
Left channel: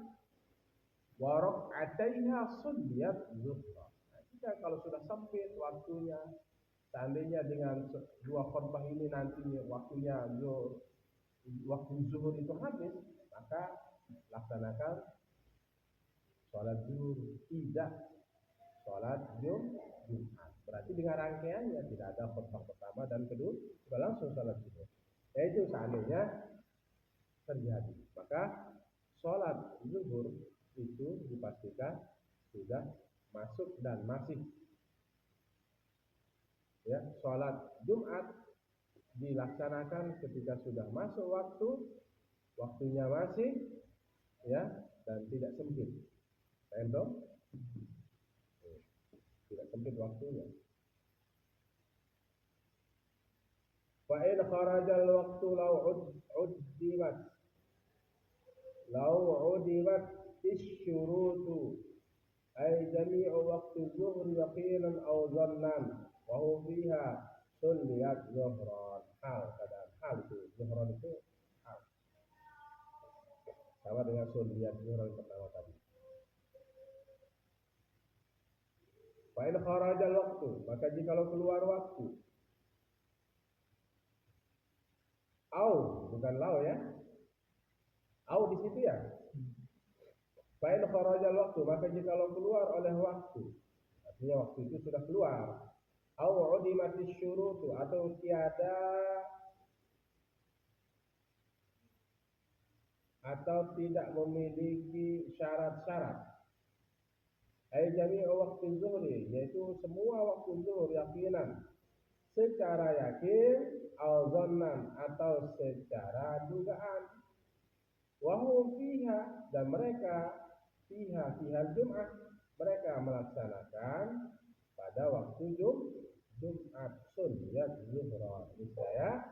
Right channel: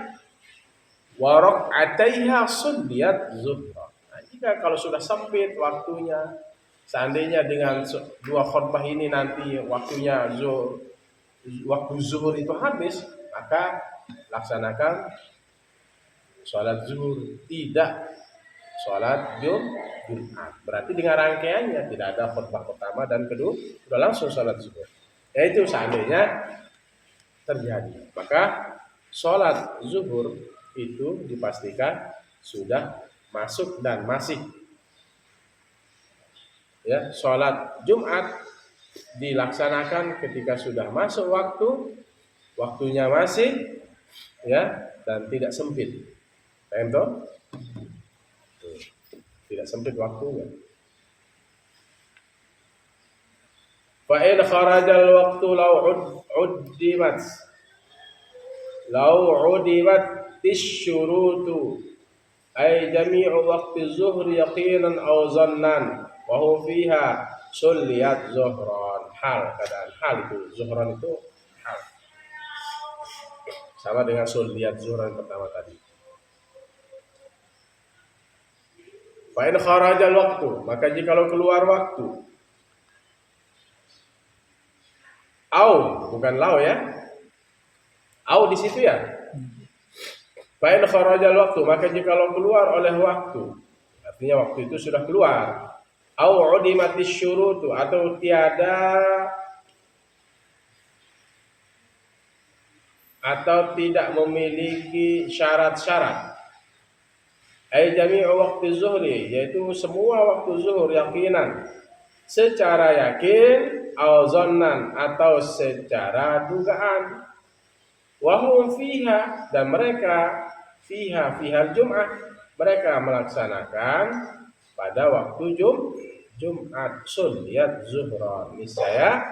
wa rak'ataiha sunniyat zuhra. Nah, jika kalau sudah sempit waktunya, seandainya dengan dua khutbah ini nanti waktunya waktu zuhur itu habis, maka laksanakan sholat zuhur, tidak sholat Jumat. Berarti dengan rangkaiannya tidak ada khutbah pertama dan kedua, sudah langsung sholat zuhur. Itu seandainya terjadi, maka sholat zuhur itu dipastikan sudah masuk dan masih. Ya, sholat Jumat dilaksanakan ketika sudah masuk waktunya masih, ya, dan tidak sempit. Paham toh? Tidak sempit waktunya. Fa in kharajal waqtu law udimat tisyurutu ay jami'u waqti zuhri yaqinan aw zannan wa huwa fiha sulliyat zuhran. Keadaan hal itu zuhran itu hal sama dengan sulliyat zuhran pertama tadi. Fa in kharajal waqtu, maka jikalau keluar waktu, au bukan lau ya, au di situ ya. Fa in kharajal waqtu, maka jikalau keluar oleh waktu, Artinya waktu itu sudah keluar. Au udimatis syurutu, atau tiada atau tidak memiliki syarat-syarat. Ai jami'u waktu zuhri, yaitu semua waktu zuhur yakinan, secara yakin, au zonnan, atau secara dugaan. Wahum fiha, dan mereka fiha Jum'ah, mereka melaksanakan pada waktu Jumat sunniyat zuhra. Niscaya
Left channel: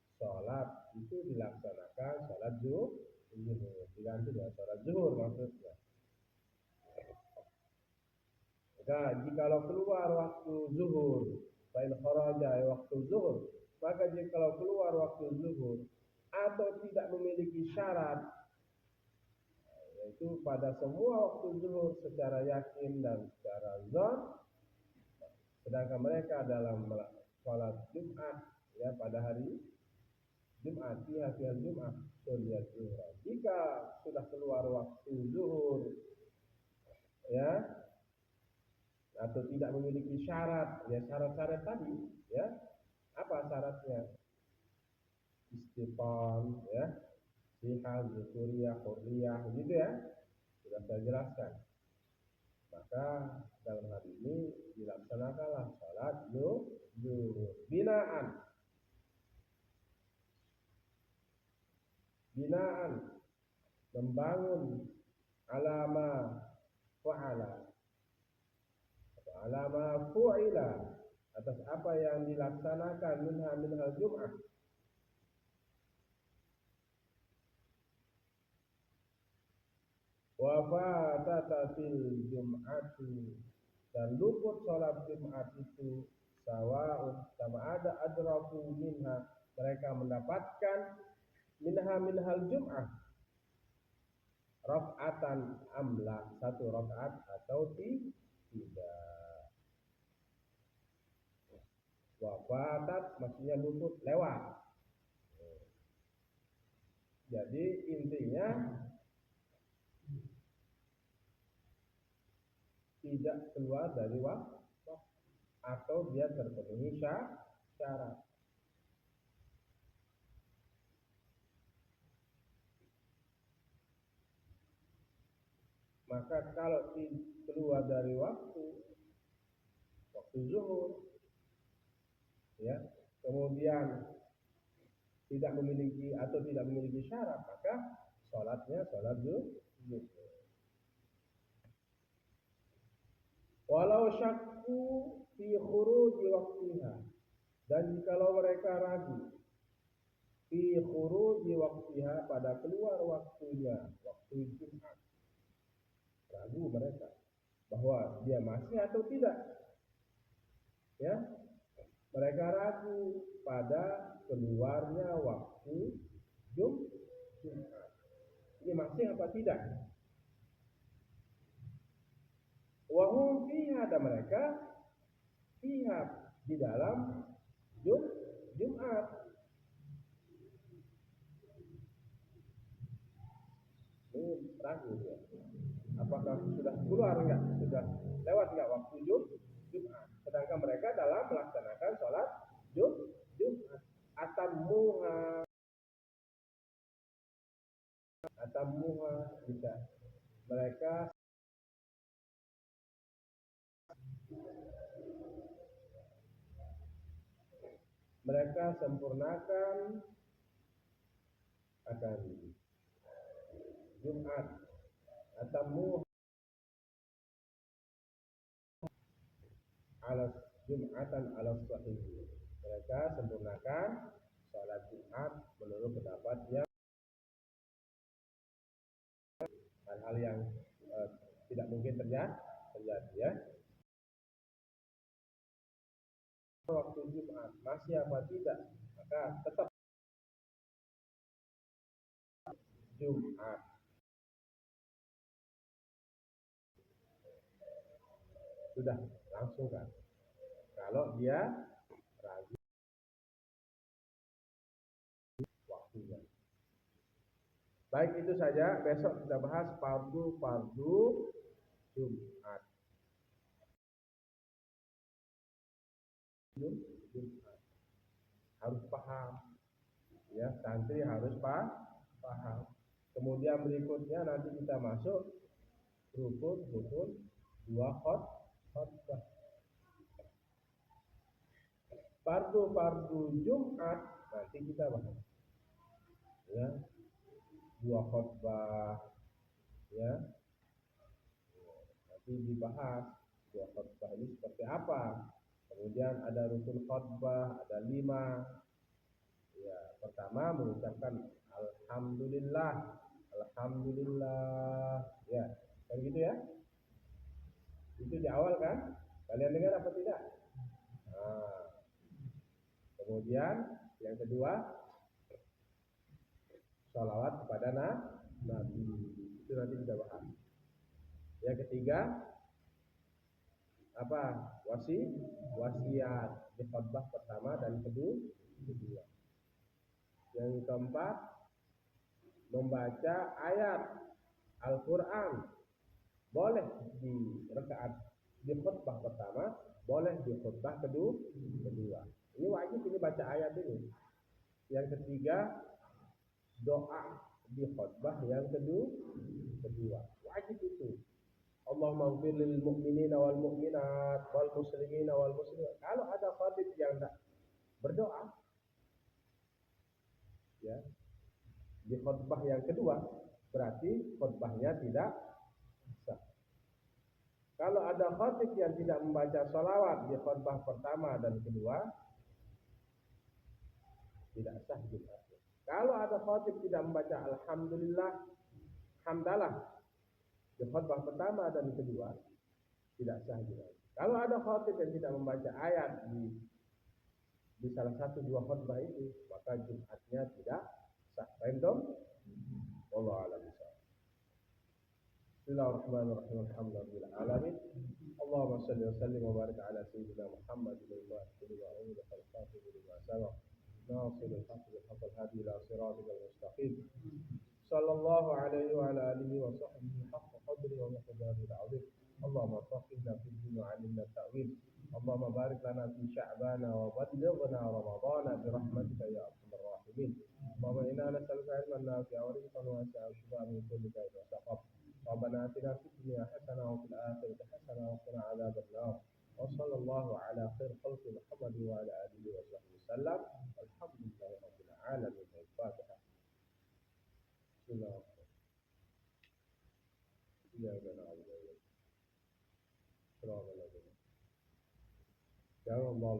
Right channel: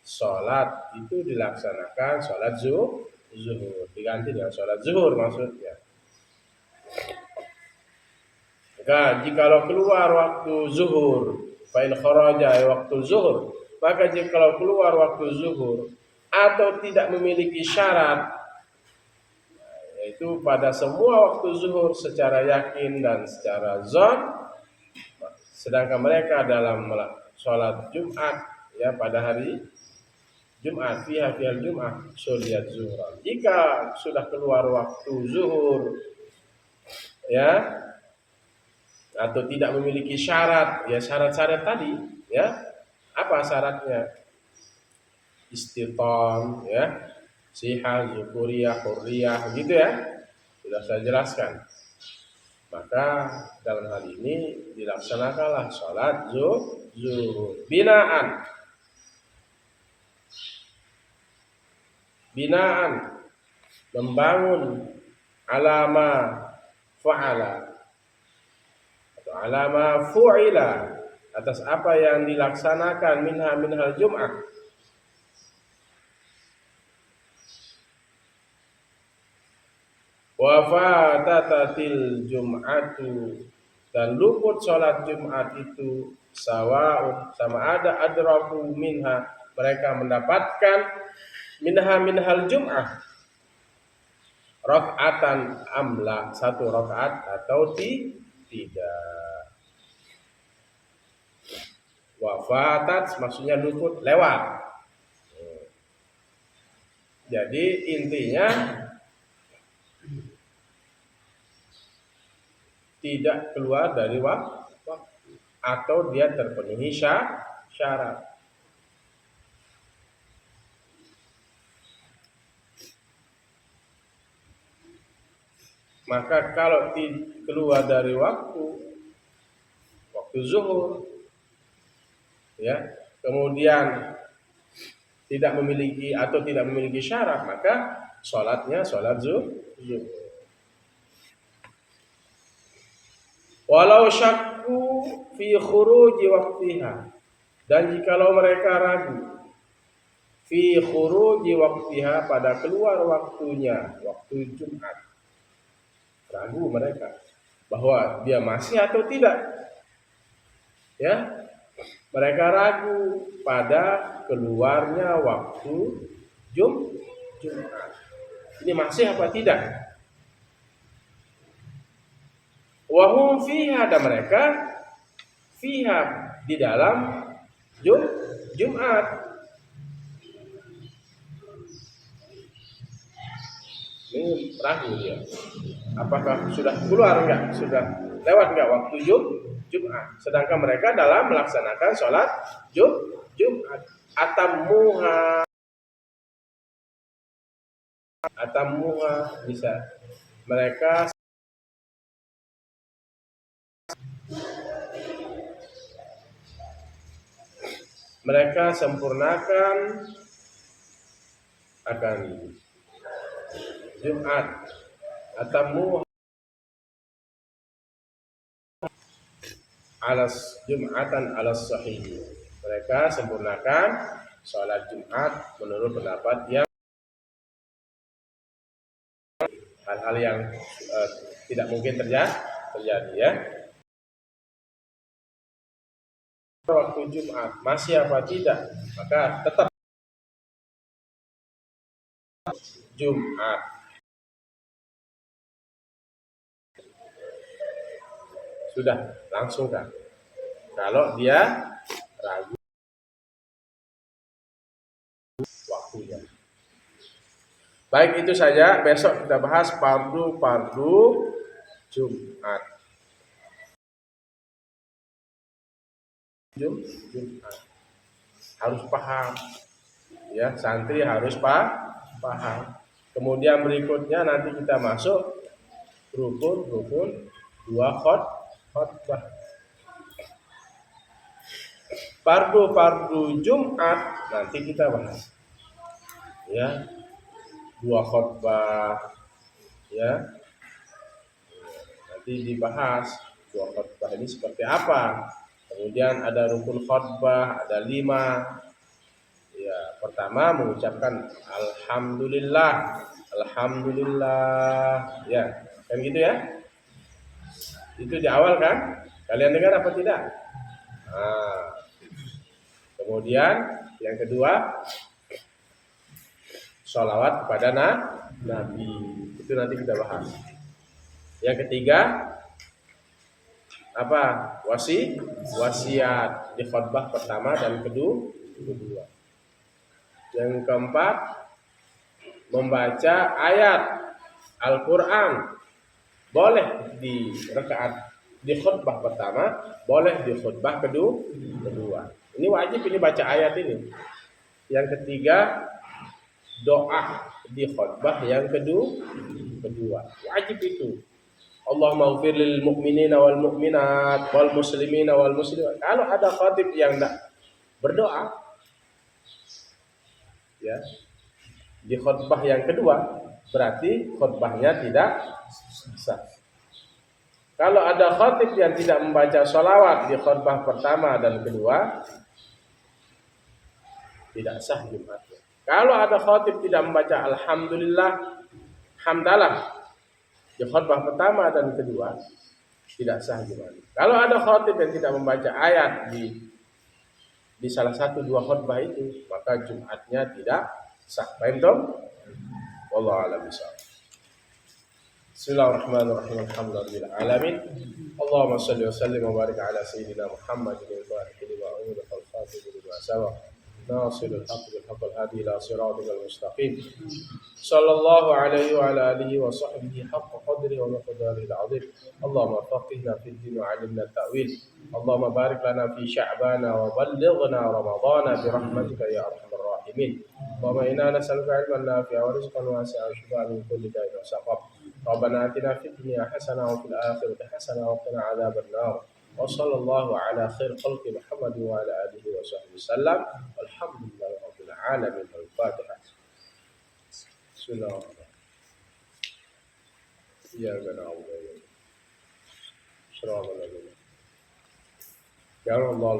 sholat itu dilaksanakan sholat zuhur, diganti dengan sholat zuhur maksudnya. Maka jikalau keluar waktu zuhur, fa in kharaja waktu zuhur, maka jikalau keluar waktu zuhur atau tidak memiliki syarat, yaitu pada semua waktu zuhur secara yakin dan secara zon, sedangkan mereka dalam sholat Jumat ya pada hari Jumat fiha Jumat sholat zuhur. Jika sudah keluar waktu zuhur ya, atau tidak memiliki syarat, ya syarat-syarat tadi ya, apa syaratnya? Istiqam ya, sihah, zukuriyah, hurriyah gitu ya, sudah saya jelaskan. Maka dalam hal ini dilaksanakanlah sholat zuhur binaan membangun alama fa'ala atau alama fu'ila, atas apa yang dilaksanakan minhal Jum'ah. Wa fatatatil Jum'atu, dan luput sholat Jumat itu sawa'un, sama ada adraku minha, mereka mendapatkan minhal Jum'ah raka'atan amla, satu rakaat atau tidak. Wafatat maksudnya luput, lewat. Jadi intinya tidak keluar dari waktu atau dia terpenuhi syarat. Maka kalau keluar dari waktu zuhur ya, kemudian tidak memiliki syarat, maka sholatnya sholat zuhur. Walau syakku fi khuruji waktiha, dan jikalau mereka ragu fi khuruji waktiha, pada keluar waktunya, waktu Jumat, ragu mereka bahwa dia masih atau tidak ya, mereka ragu pada keluarnya waktu Jumat, ini masih apa tidak. Wahum fiha, dan mereka fiha di dalam Jumat. Ini ragu dia, apakah sudah keluar enggak, sudah lewat enggak waktu Jumat, sedangkan mereka dalam melaksanakan sholat Jumat. Atamuha bisa mereka sempurnakan akan Jumat. Atamu alas Jumatan alas sahih, mereka sempurnakan sholat Jumat menurut pendapat yang hal-hal yang tidak mungkin terjadi ya. Waktu Jumat masih apa tidak, maka tetap Jumat. Sudah langsung kan. Kalau dia ragu waktunya. Baik, itu saja. Besok kita bahas fardu Jumat. Jumat. Harus paham. Ya, santri harus paham. Kemudian berikutnya nanti kita masuk rukun 2 khotbah. Fardu Jumat nanti kita bahas. Ya, 2 khotbah ya. Nanti dibahas 2 khotbah ini seperti apa. Kemudian ada rukun khotbah, ada 5. Ya, pertama mengucapkan alhamdulillah. Ya, kan gitu ya. Itu di awal kan? Kalian dengar apa tidak? Nah, kemudian yang kedua sholawat kepada Nabi. Itu nanti kita bahas. Yang ketiga apa? Wasiat di khutbah pertama dan kedua. Yang keempat membaca ayat Al-Qur'an. Boleh di khutbah pertama, boleh di khutbah kedua. Ini wajib ini baca ayat ini. Yang ketiga doa di khutbah yang kedua. Wajib itu. Allahumma ighfir lil mu'minina wal mu'minat wal muslimina wal muslimat. Kalau ada khatib yang tidak berdoa ya di khutbah yang kedua, berarti khutbahnya tidak sah. Kalau ada khatib yang tidak membaca sholawat di khutbah pertama dan kedua, tidak sah Jumatnya. Kalau ada khatib tidak membaca alhamdulillah, hamdalah di khutbah pertama dan kedua, tidak sah Jumatnya. Kalau ada khatib yang tidak membaca ayat di salah satu 2 khutbah itu, maka Jumatnya tidak sah. Paham toh? Wallahu a'lam bishawab. Bismillahirrahmanirrahim. Alhamdulillahirabbil alamin. Allahumma shalli wa sallim wa barik ala sayyidina Muhammadin al-fatih lima ughliqa wal khatimi lima sabaq. Nasirul haqq bil haqq al hadi ila siratal mustaqim. Sallallahu alaihi wa ala alihi wa sahbihi haqqa qadri wa miqdarihi al-azim. Allahumma faqihna fid din wa 'allimna at-ta'wil. Allahumma barik lana fi sya'bana wa ballighna ramadhana bi rahmatika ya arhamar rahimin. Allahumma inna nas'aluka 'ilman nafi'an wa rizqan wasi'an wa shifaan min kulli da'in wa saqam. Rabbana atina fid dunya hasanah wa fil akhirati hasanah wa qina 'adzaban nar. Wa sallallahu ala khair khalqi Muhammad wa ala alihi wa sahbihi sallam. Walhamdulillahi rabbil alamin. Al-Fatihah. Bismillahirrahmanirrahim. Iyyaka na'budu wa iyyaka nasta'in. Shiratal ladzina an'amta 'alaihim. Ya Allah,